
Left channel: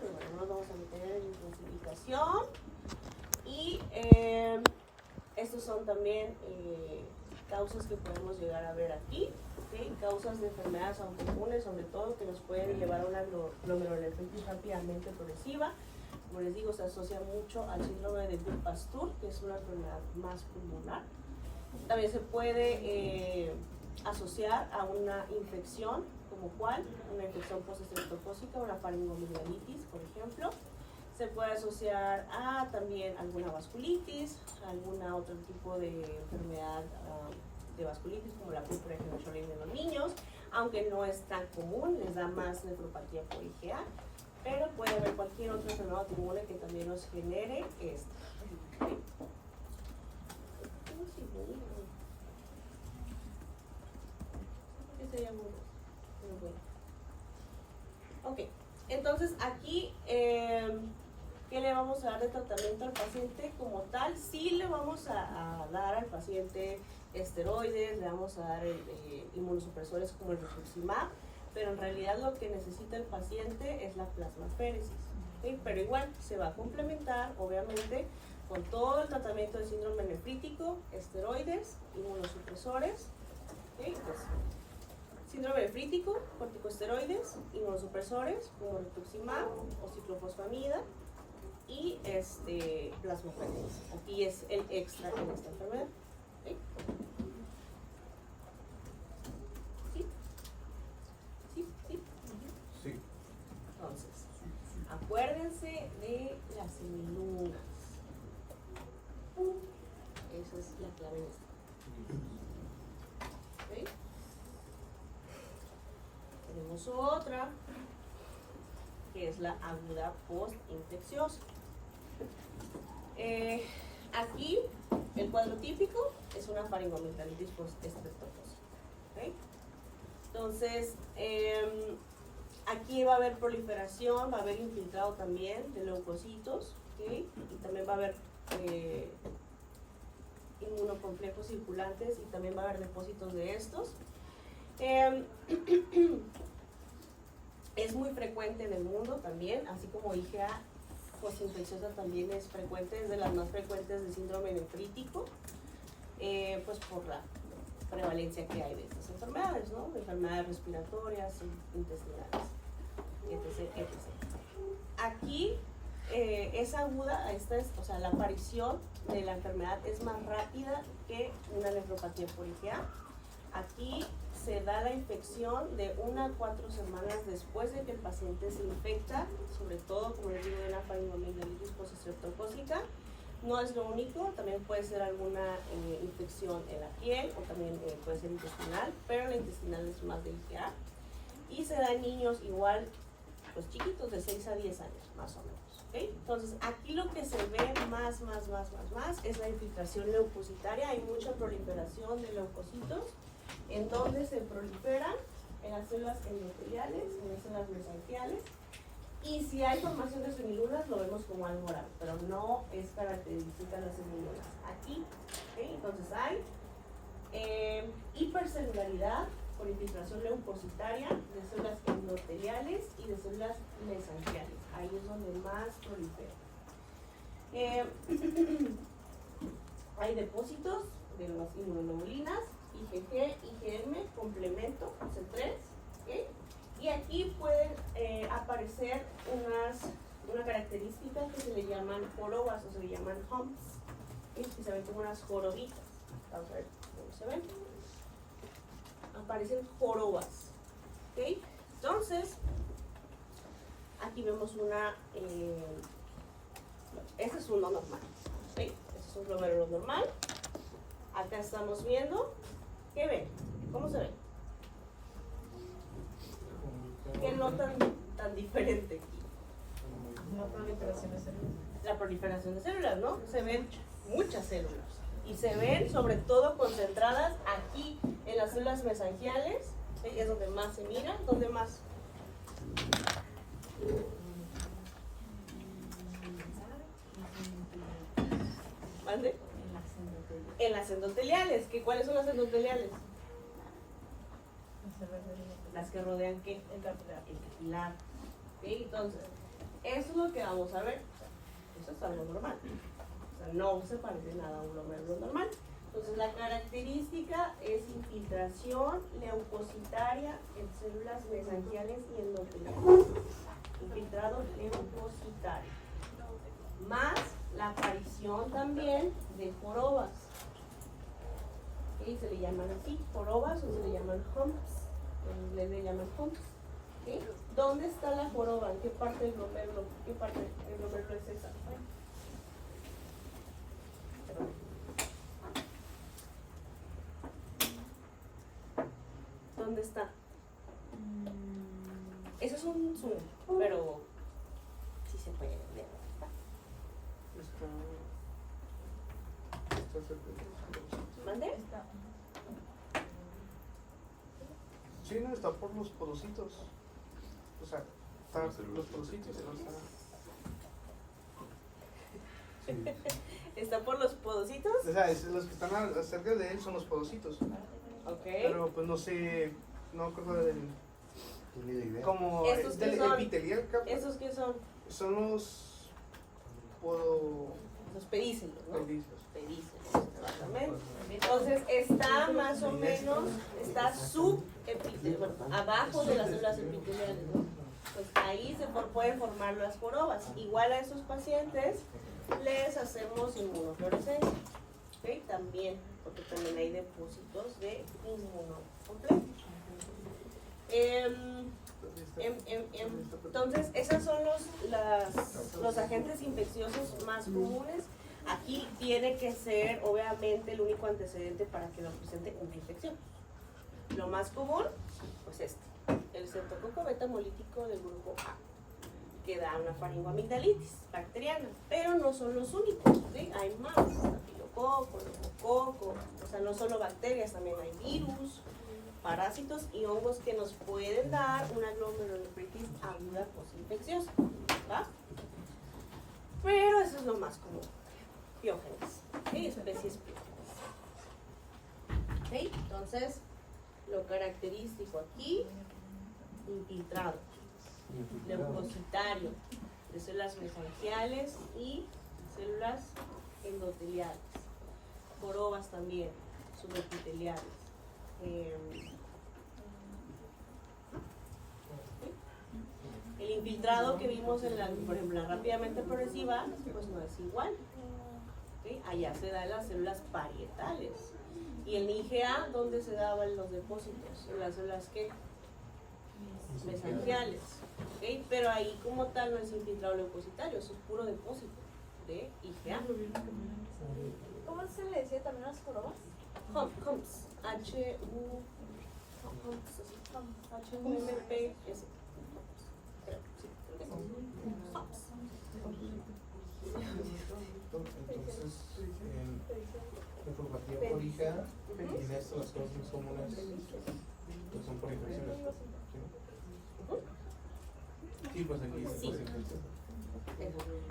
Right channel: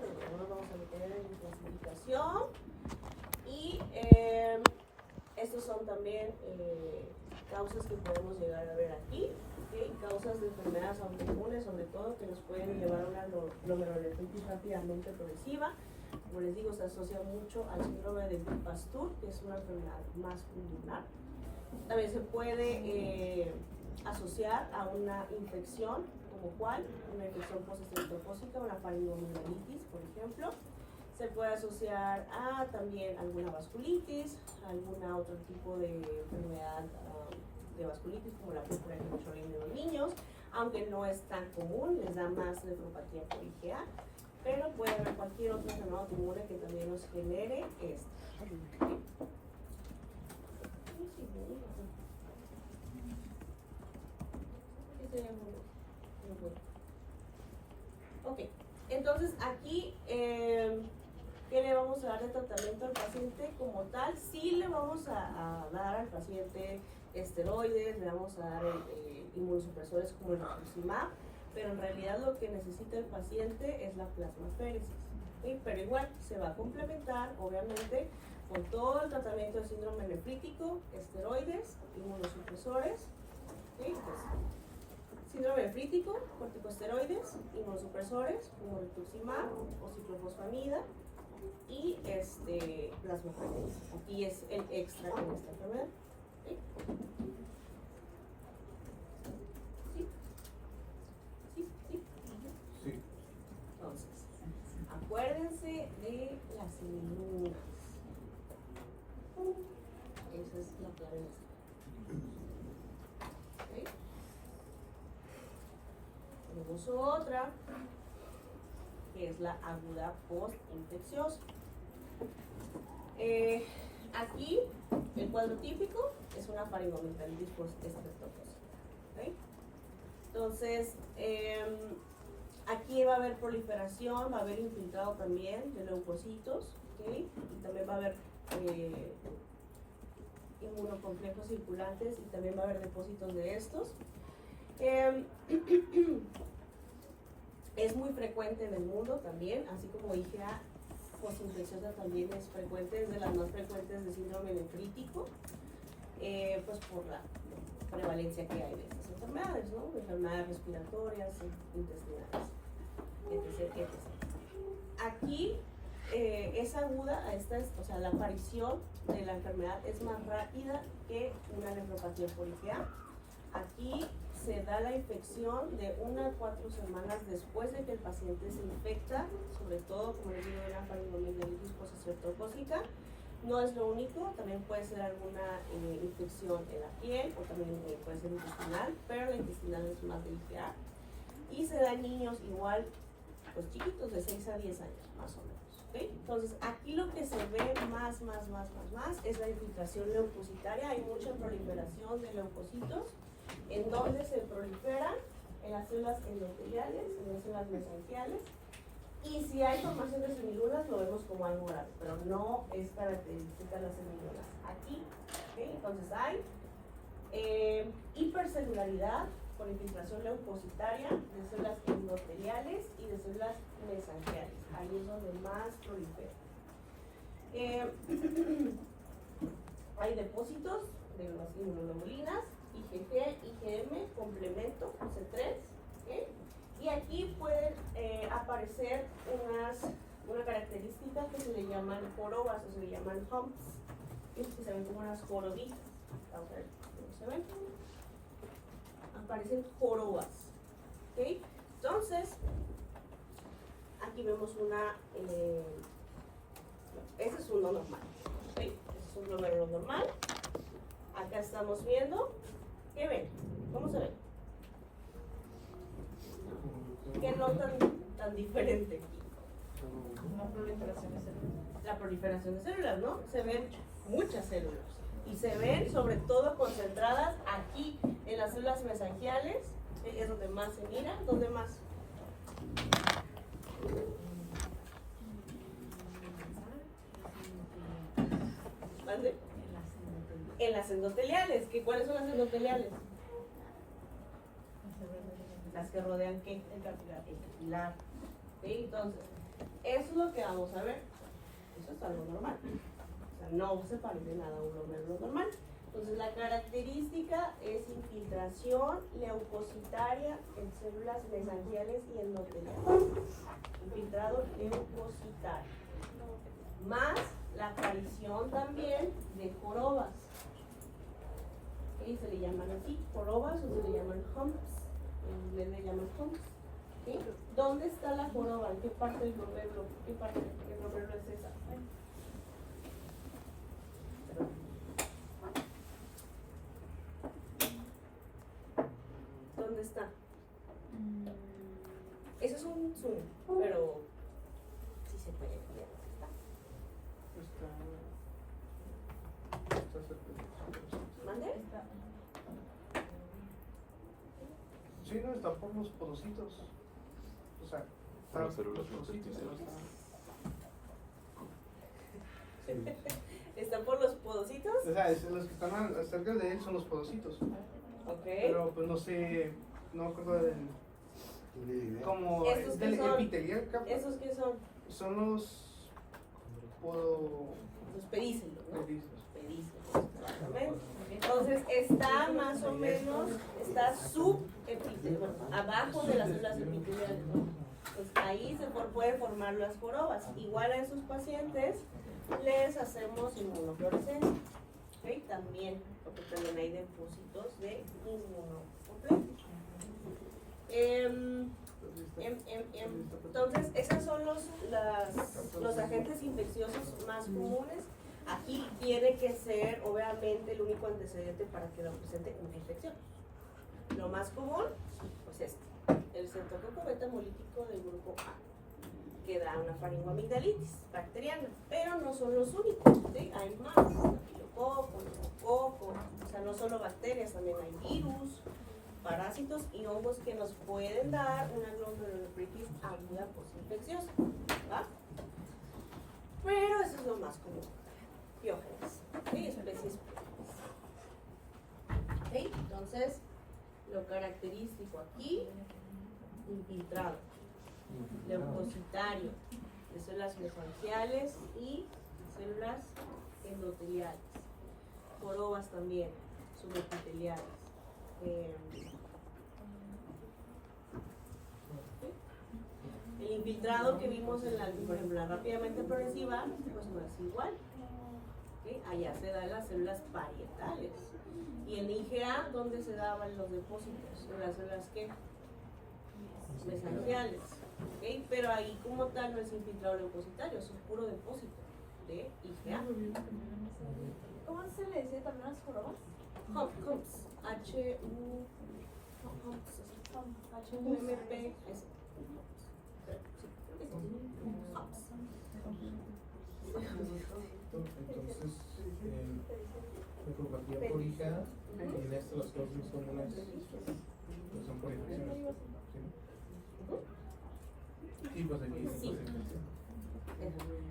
pero no nos vamos a meter en clasificación. Y estos son también causas que podemos llegar a ver aquí. ¿Sí? causas de enfermedades autoinmunes, sobre todo, que nos pueden llevar a una glomerulonefritis rápidamente progresiva. Como les digo, se asocia mucho al síndrome de Pasteur, que es una enfermedad más pulmonar. También se puede asociar a una infección, como cuál, una infección postestreptocócica, una faringoamigdalitis, por ejemplo. Se puede asociar a también alguna vasculitis, algún otro tipo de enfermedad de vasculitis, como la púrpura hemorroica en los niños, aunque no es tan común, les da más nefropatía por IgA, pero puede haber cualquier otra enfermedad autoinmune que también nos genere esto. Ok, entonces aquí, ¿qué le vamos a dar de tratamiento al paciente como tal? Sí le vamos a dar al paciente esteroides, le vamos a dar inmunosupresores como el rituximab, pero en realidad lo que necesita el paciente es la plasmaféresis, ¿sí? Pero igual se va a complementar, obviamente, con todo el tratamiento de síndrome nefrítico, esteroides, inmunosupresores, ¿sí? Pues, síndrome nefrítico, corticosteroides, inmunosupresores, como rituximab o ciclofosfamida y plasmaféresis. Aquí es el extra en esta enfermedad. ¿Sí? ¿Sí? ¿Sí? ¿Sí? Sí. Entonces, acuérdense de las semilunas. Esa es la clave de esta. ¿Sí? Tenemos otra, que es la aguda postinfecciosa. Aquí, el cuadro típico es una faringoamigdalitis postestreptocócica. ¿Okay? Entonces, aquí va a haber proliferación, va a haber infiltrado también de leucocitos, ¿okay? Y también va a haber inmunocomplejos circulantes y también va a haber depósitos de estos. Es muy frecuente en el mundo también, así como IgA postinfecciosa también es frecuente, es de las más frecuentes de síndrome nefrítico, pues por la prevalencia que hay de estas enfermedades, ¿no? Enfermedades respiratorias, intestinales, etc., etc. Aquí es aguda, o sea, la aparición de la enfermedad es más rápida que una nefropatía por IgA. Aquí se da la infección de 1 a 4 semanas después de que el paciente se infecta, sobre todo, como les digo, de la faringoamigdalitis postestreptocócica. No es lo único, también puede ser alguna infección en la piel o también puede ser intestinal, pero la intestinal es más de IgA. Y se da en niños igual, los chiquitos de 6 a 10 años, más o menos. ¿Okay? Entonces, aquí lo que se ve más es la infiltración leucocitaria. Hay mucha proliferación de leucocitos, en donde se proliferan en las células endoteliales, en las células mesangiales, y si hay formación de semilunas lo vemos como algo grave, pero no es característica de las semilunas. Aquí, ¿okay? Entonces hay hipercelularidad por infiltración leucocitaria de células endoteliales y de células mesangiales. Ahí es donde más prolifera. Hay depósitos de las inmunoglobulinas, IgG, IgM, complemento, C3, ¿okay? Y aquí pueden aparecer una característica que se le llaman jorobas o se le llaman humps, ¿okay? Y se ven como unas jorobitas. Vamos a ver cómo se ven. Aparecen jorobas, ¿okay? Entonces, aquí vemos este es uno normal, ¿okay? Este es un glomérulo normal. Acá estamos viendo, ¿qué ven? ¿Cómo se ve? ¿Qué notan tan diferente aquí? La proliferación de células, ¿no? Se ven muchas células y se ven sobre todo concentradas aquí en las células mesangiales, ¿sí? Es donde más se miran, donde más. ¿Mande? En las endoteliales. ¿Cuáles son las endoteliales? Las que rodean ¿qué? El capilar. ¿Sí? Entonces, eso es lo que vamos a ver. Eso es algo normal. O sea, no se parece nada a un glomérulo normal. Entonces la característica es infiltración leucocitaria en células mesangiales y endoteliales. Infiltrado leucocitario. Más la aparición también de jorobas. ¿Sí? Se le llaman así, jorobas, o se le llaman humps. En inglés le llaman humps. ¿Sí? ¿Dónde está la joroba? ¿En qué parte del glomérulo? ¿Qué parte del glomérulo es esa? Perdón. ¿Dónde está? Eso es un zoom, pero sí se puede ver. ¿Mande? Sí, no está por los podocitos. O sea, están los podocitos. ¿Está por los podocitos? O sea, los que están cerca de él son los podocitos. Ok. Pero pues no sé, no me acuerdo del. Como ¿Estos qué del son? epitelial, capaz. ¿Esos qué son? Son los Los pedícelos, ¿no? pedizos. Pedícelos, exactamente. Entonces está más o menos, está subepitelial, bueno, abajo de las células epiteliales, ¿no? Pues ahí se pueden formar las jorobas. Igual a esos pacientes les hacemos inmunofluorescencia, ¿ok? También, porque también hay depósitos de inmunocomplejo. Entonces, esos son los agentes infecciosos más comunes. Aquí tiene que ser, obviamente, el único antecedente para que lo presente una infección. Lo más común, pues el Streptococcus beta-hemolítico del grupo A, que da una faringoamigdalitis bacteriana, pero no son los únicos, ¿sí? Hay más, estafilococo, neumococo, o sea, no solo bacterias, también hay virus, parásitos y hongos que nos pueden dar una glomerulonefritis aguda postinfecciosa, ¿va? Pero eso es lo más común. Piógenes, ¿sí? Especies piógenes. ¿Sí? Entonces, lo característico aquí, infiltrado, leucocitario, de células mesangiales y células endoteliales, jorobas también, subepiteliales. El infiltrado que vimos en por ejemplo, la rápidamente progresiva, pues no es igual. ¿Sí? Allá se da en las células parietales. Y en IgA, ¿dónde se daban los depósitos? En las células ¿qué? Mesangiales. ¿Okay? Pero ahí como tal no es infiltrado leucocitario, es un puro depósito de IgA. ¿Cómo se le decía también a las jorobas? Humps. H-U-M-P-S. Entonces, nefropatía por IgA, en estas las causas más comunes pues son por infecciones. ¿Sí? Pues aquí es Sí.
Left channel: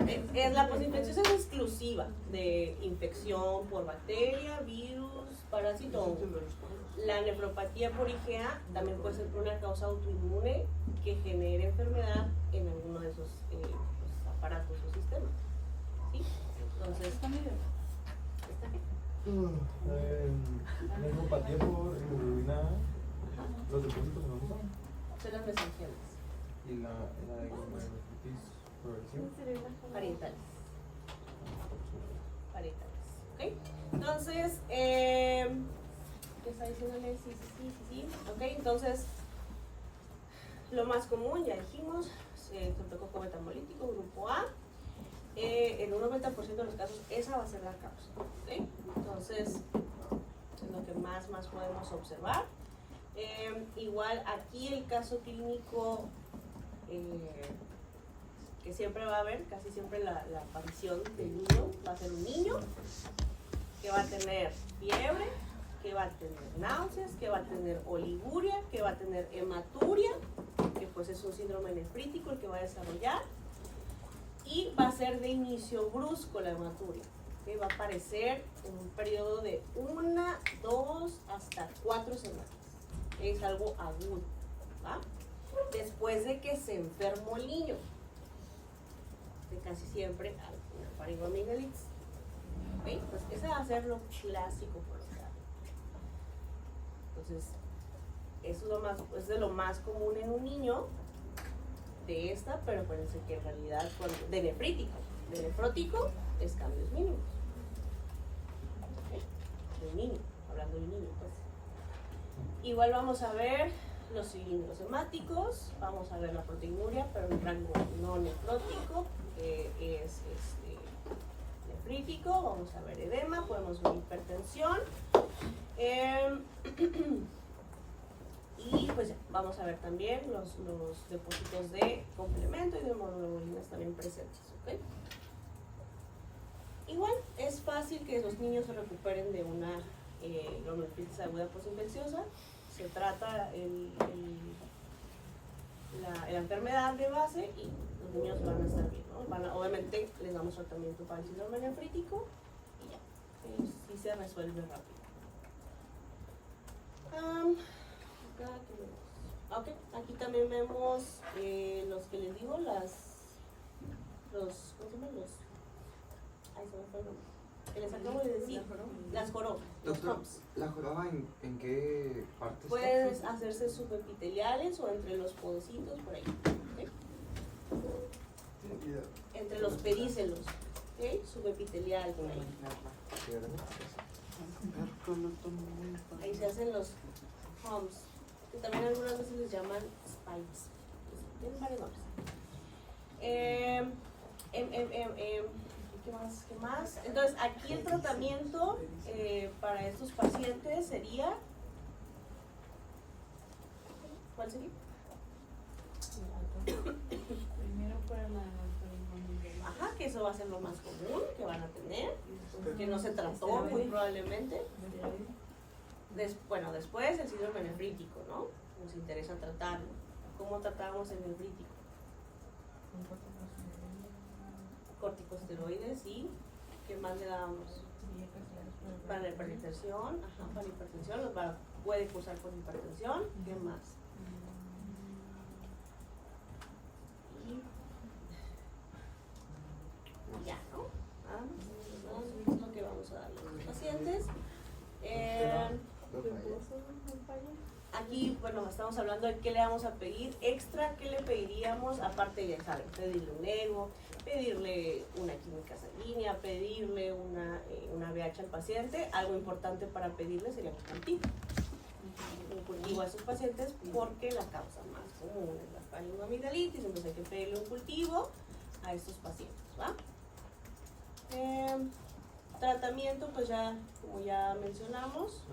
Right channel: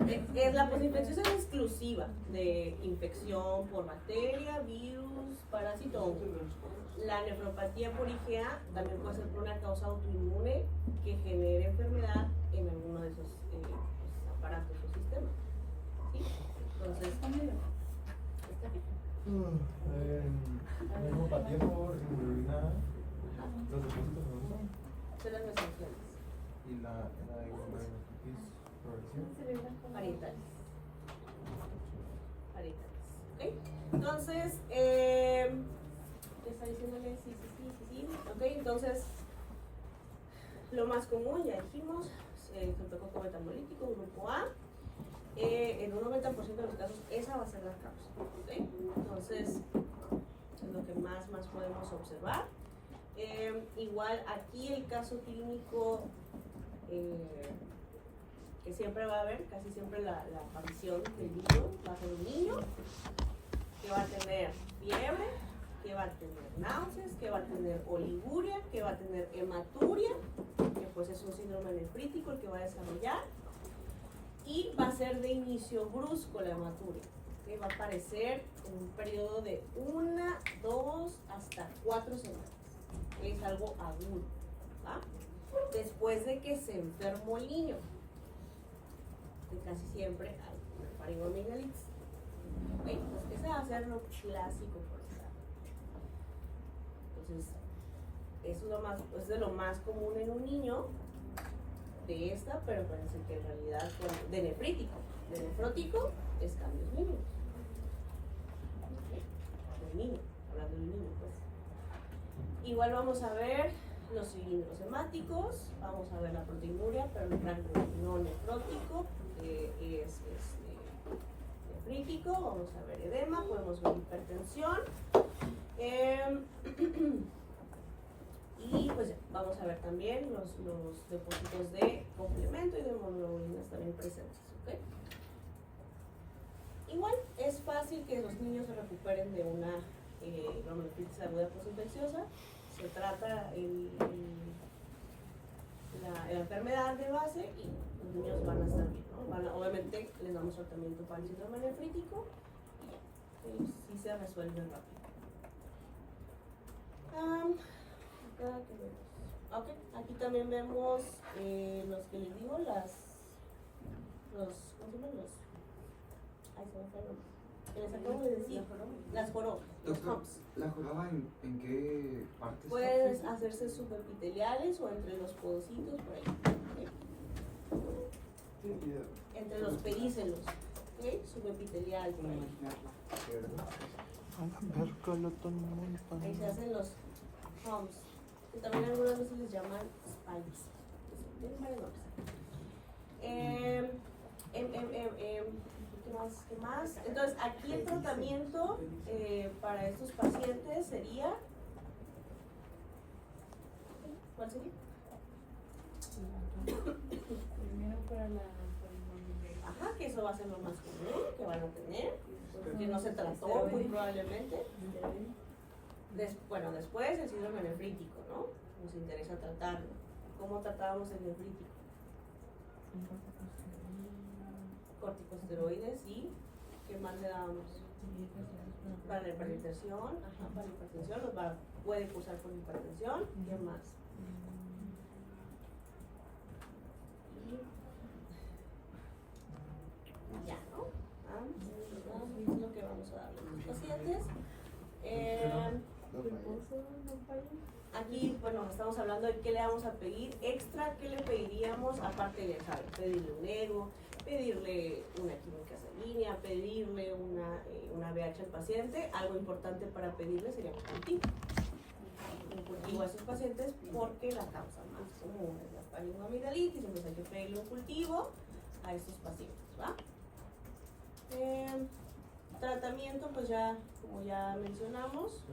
infección. La posinfecciosa es exclusiva de infección por bacteria, virus, parásito o hongo. La nefropatía por IgA también puede ser por una causa autoinmune que genere enfermedad en alguno de esos aparatos o sistemas. ¿Sí? Entonces, está bien. Neuropatía por hemoglobina, los depósitos no son. Células mesangiales, Y la glomerulonefritis progresiva. parietales. ¿Ok? Entonces, ¿qué está diciendo Alexis? Sí. Ok, entonces, lo más común, ya dijimos, Streptococcus beta-hemolítico, grupo A. En un 90% de los casos, esa va a ser la causa. ¿Okay? Entonces, es lo que más podemos observar. Igual, aquí el caso clínico que siempre va a haber, casi siempre la aparición del niño, va a ser un niño que va a tener fiebre, que va a tener náuseas, que va a tener oliguria, que va a tener hematuria, que pues es un síndrome nefrítico el que va a desarrollar, y va a ser de inicio brusco la hematuria, que va a aparecer en un periodo de 1, 2, hasta 4 semanas. Es algo agudo, ¿va? Después de que se enfermó el niño, que casi siempre hay una faringoamigdalitis. ¿Ok? Entonces, ese va a ser lo clásico por acá. Entonces, eso es de lo más común en un niño de esta, pero parece que en realidad de nefrótico es cambios mínimos. De niño, hablando de un niño, pues. Igual vamos a ver los cilindros hemáticos, vamos a ver la proteinuria, pero en rango no nefrótico, que es nefrítico, vamos a ver edema, podemos ver hipertensión. Y pues ya, vamos a ver también los depósitos de complemento y de hemoglobinas también presentes, ¿ok? Igual, es fácil que los niños se recuperen de una glomerulopatía aguda postinfecciosa. Se trata la enfermedad de base y los niños van a estar bien, ¿no? Obviamente les damos tratamiento para el síndrome nefrítico y ya, sí se resuelve rápido. Ok, aquí también vemos los que les digo, ¿cómo se llaman? Ay, se me fue el nombre. Que les acabo de decir, las jorobas, los Doctor, humps. ¿la joroba en qué parte está? Pueden hacerse subepiteliales o entre los podocitos, por ahí, ¿ok? Entre los pedícelos, ¿ok? Subepitelial, por ahí. Ahí se hacen los humps, que también algunas veces les llaman spikes. Tienen varios nombres. ¿Qué más? Entonces, aquí el tratamiento para estos pacientes sería... ¿Cuál sería? Primero para la Ajá, que eso va a ser lo más común que van a tener, que no se trató muy probablemente. Bueno, después el síndrome nefrítico, ¿no? Nos interesa tratarlo. ¿Cómo tratábamos el nefrítico? Corticosteroides y ¿qué más le dábamos? Para la hipertensión, ajá, para la hipertensión, puede cursar por hipertensión, ¿qué más? Y ya, ¿no? Eso es lo que vamos a dar a los pacientes. Aquí, bueno, estamos hablando de qué le vamos a pedir extra, qué le pediríamos, aparte de, ¿saben? Pedirle un ego, pedirle una química sanguínea, pedirle una VH al paciente. Algo importante para pedirle sería un cultivo. Un cultivo a esos pacientes porque la causa más común es la faringoamigdalitis, entonces hay que pedirle un cultivo a estos pacientes, ¿va? Tratamiento, pues ya, como ya mencionamos,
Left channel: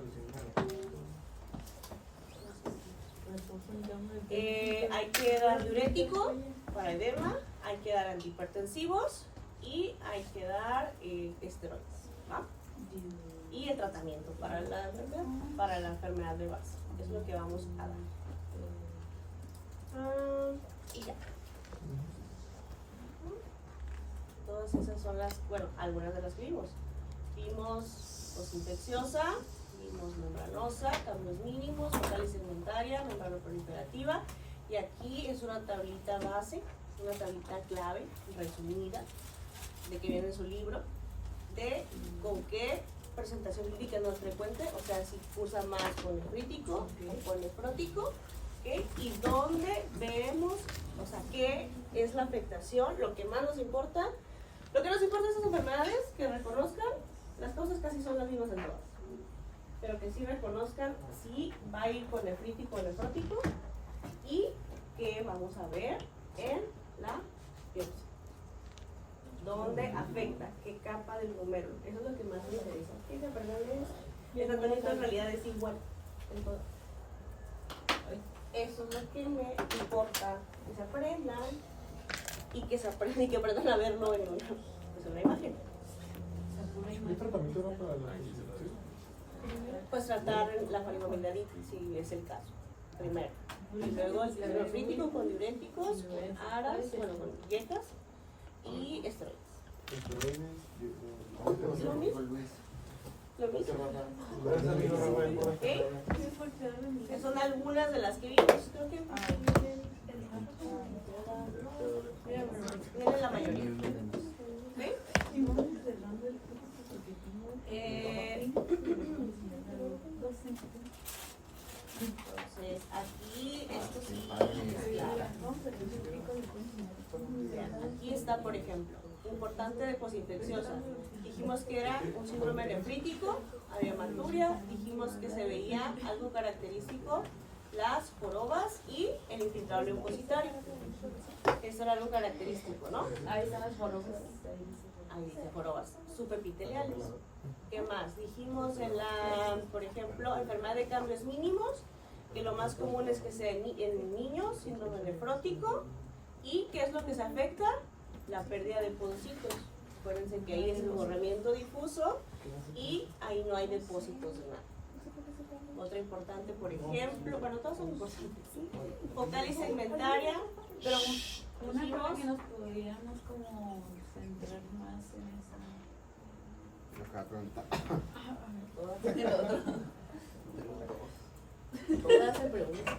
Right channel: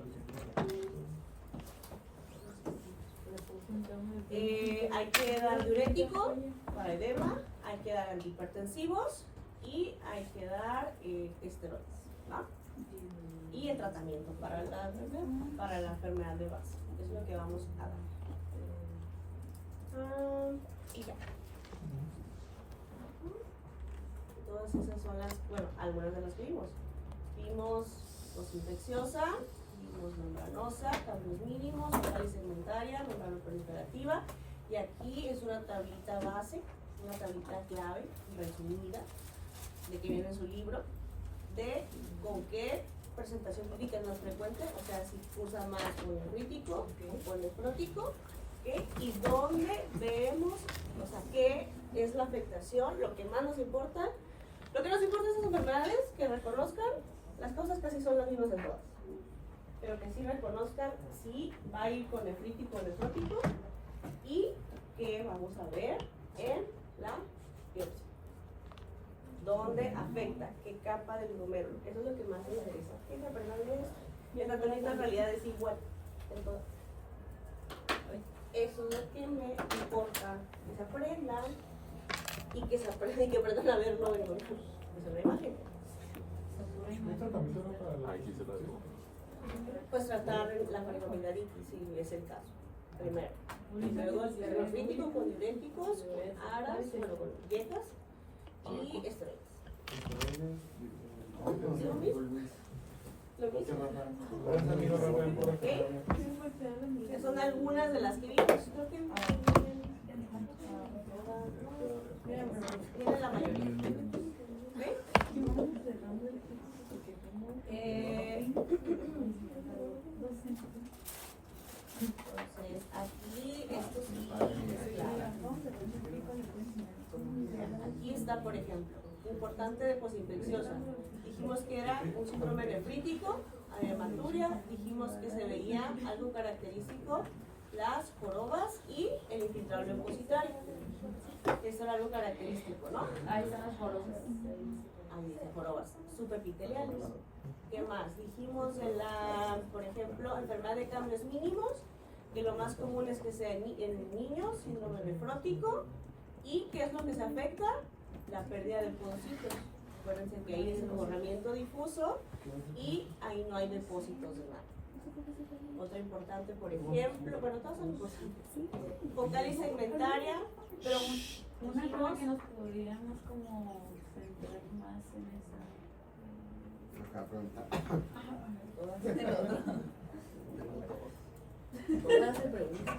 hay que dar diurético para edema, hay que dar antihipertensivos y hay que dar esteroides, ¿va? Y el tratamiento para la enfermedad de base, es lo que vamos a dar. Y ya. Todas esas son algunas de las que vimos. Vimos postinfecciosa, vimos membranosa, cambios mínimos, focal y segmentaria, membrana proliferativa. Y aquí es una tablita base, una tablita clave, resumida, de que viene en su libro, de con qué presentación clínica no es frecuente, o sea, si cursa más con nefrítico o con nefrótico, ¿okay? Y dónde vemos, o sea, qué es la afectación, lo que más nos importa. Lo que nos importa de estas enfermedades, que reconozcan, las causas casi son las mismas en todas, pero que sí reconozcan si va a ir con nefrítico o nefrótico y que vamos a ver en la biopsia. ¿Dónde afecta? ¿Qué capa del glomérulo? Eso es lo que más me interesa. Fíjense, perdón, el tratamiento en realidad es igual en todo. Eso es lo que me importa, que se aprendan y que aprendan a verlo en una imagen. ¿Qué tratamiento era para la Pues tratar la faringoamigdalitis, si es el caso, primero. Y luego el nefrítico con diuréticos, con aras, bueno, con yetas y esteroides. ¿Es lo mismo? ¿Lo mismo? ¿Ok? Que son algunas de las que vimos, creo que vienen la mayoría. ¿Ok? Aquí, esto sí. Vean, aquí está, por ejemplo, importante de posinfecciosa. Dijimos que era un síndrome nefrítico, había hematuria, dijimos que se veía algo característico, las jorobas y el infiltrado leucocitario. Eso era algo característico, ¿no? Ahí están las jorobas. Ahí dice jorobas subepiteliales. ¿Qué más? Dijimos en la, por ejemplo, enfermedad de cambios mínimos, que lo más común es que sea en niños, síndrome nefrótico, y ¿qué es lo que se afecta? La pérdida de podocitos. Acuérdense que ahí es el borramiento difuso y ahí no hay depósitos de nada. Otra importante, por ejemplo, bueno, todas son importantes. Focal y segmentaria, pero Yo me acuerdo que nos pudiéramos como centrar más en esa. Lo que va a preguntar. todas se preguntan.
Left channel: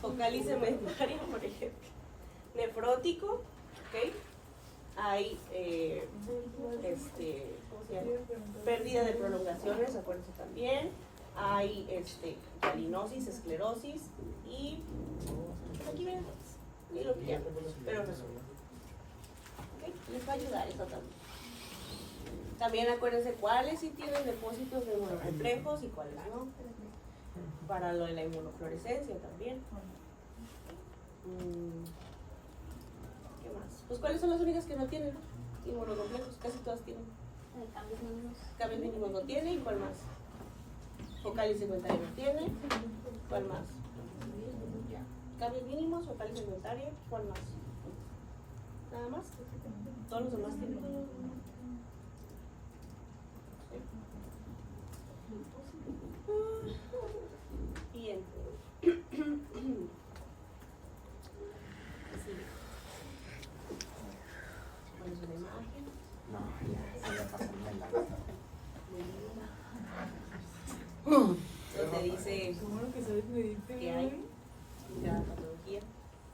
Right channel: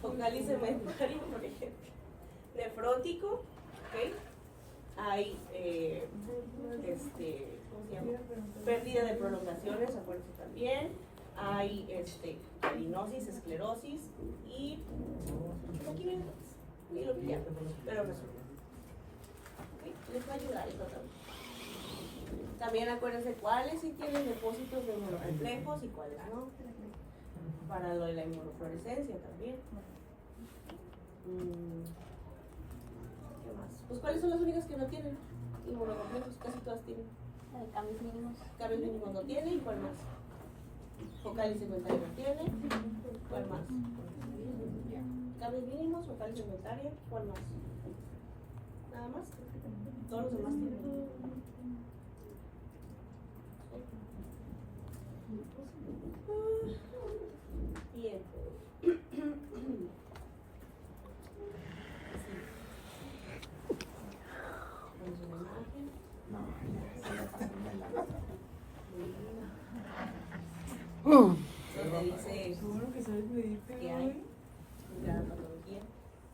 Focal y segmentaria, por ejemplo. Nefrótico, ¿ok? Hay ¿cómo se llama? Pérdida de prolongaciones, acuérdense también. Hay calinosis, esclerosis y pues aquí vienen todas. Y lo que quieran, pero resuelven. ¿Okay? Les va a ayudar eso también. También acuérdense cuáles sí tienen depósitos de inmunocomplejos y cuáles no. Para lo de la inmunofluorescencia también. ¿Qué más? Pues cuáles son las únicas que no tienen inmunocomplejos, casi todas tienen. Cambios mínimos. Cambios mínimos no tiene, ¿y cuál más? Focal y segmentaria no tiene, ¿cuál más? Cambios mínimos, focal y segmentaria, ¿cuál más? Nada más, todos los demás tienen. Bien. Vamos a la imagen. No, se la pasé en la masa. Donde dice que hay la patología.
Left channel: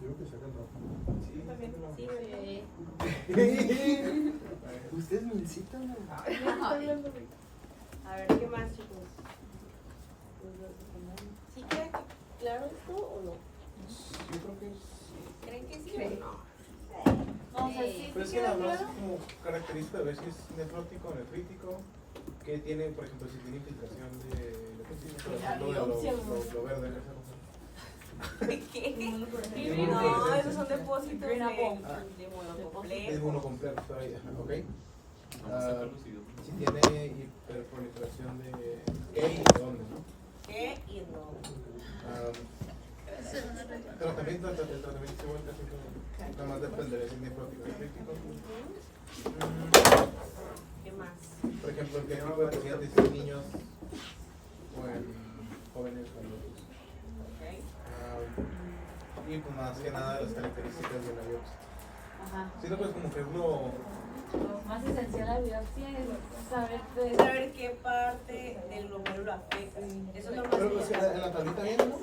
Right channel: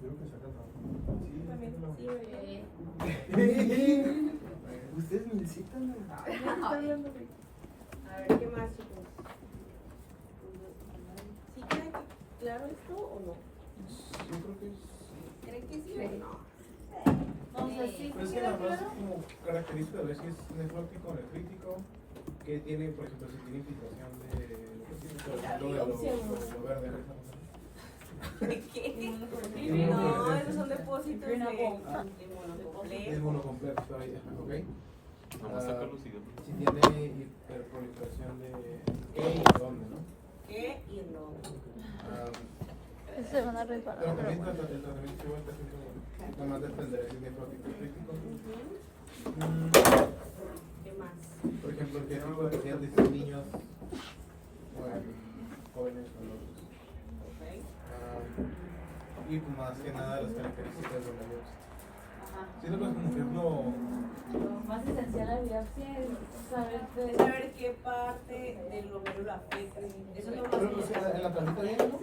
Yo creo que saca el También, sí, Ustedes me citan. A ver, ¿qué más, chicos? ¿Sí queda claro esto o no? Yo creo que sí. ¿Creen que sí o no? Pero es que nada más como característica de ver si es nefrótico o nefrítico, que tiene, por ejemplo, si tiene infiltración de, por ejemplo, de lo verde. ¿De qué? No, esos son depósitos de Es monocomplejo, ahí, ok. Si tiene hiperproliferación de ¿qué y dónde, no? ¿Qué y dónde? Se van a reparar. El tratamiento igual casi como, nada más dependerá si es nefrótico o crítico. ¿Qué más? Por ejemplo, ¿qué tipo de pacientes en niños o en jóvenes o adultos? Ok. Y pues más que nada las características de la biopsia. Ajá. Sí, no, pues como que uno, Lo más esencial la biopsia es saber Es saber qué parte del lóbulo lo afecta. Eso es lo pero pues más en la tablita viene, ¿no?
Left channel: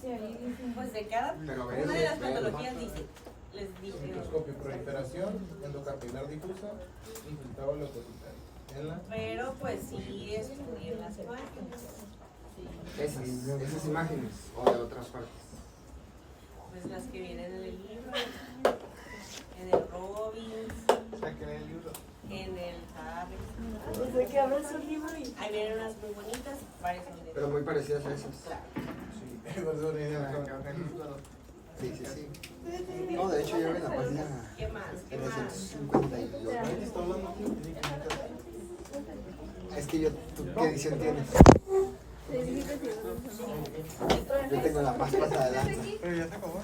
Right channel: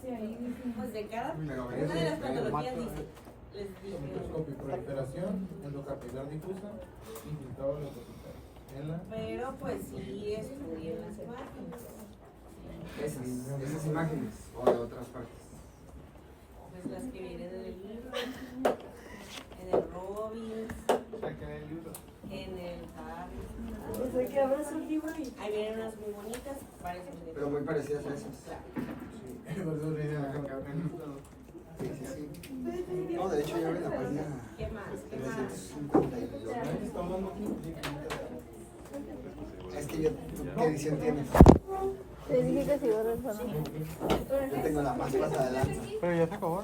sí, ahí dicen. Pues de cada Pero una de las ese- patologías dice, les dije. Microscopio, proliferación, endocapilar difusa, infiltrado leucocitario. En la Pero pues sí estudié las imágenes. Esas imágenes o de otras partes. Pues las que vienen en el libro, en el Robbins, saqué el libro. en el Harris. Desde que abres un libro y. Ahí vienen unas muy bonitas, varias muy de Pero muy parecidas a esas. Sí, por eso le dije a la cámara. Sí, sí, sí. No, de hecho yo vi la página ¿Qué más? ¿Qué más? 352. Ahorita está hablando aquí. Es que yo, ¿tú qué edición tienes? Te dije que se iba a reparar. Yo tengo la más pasada de lanza. Pero ya se acabó.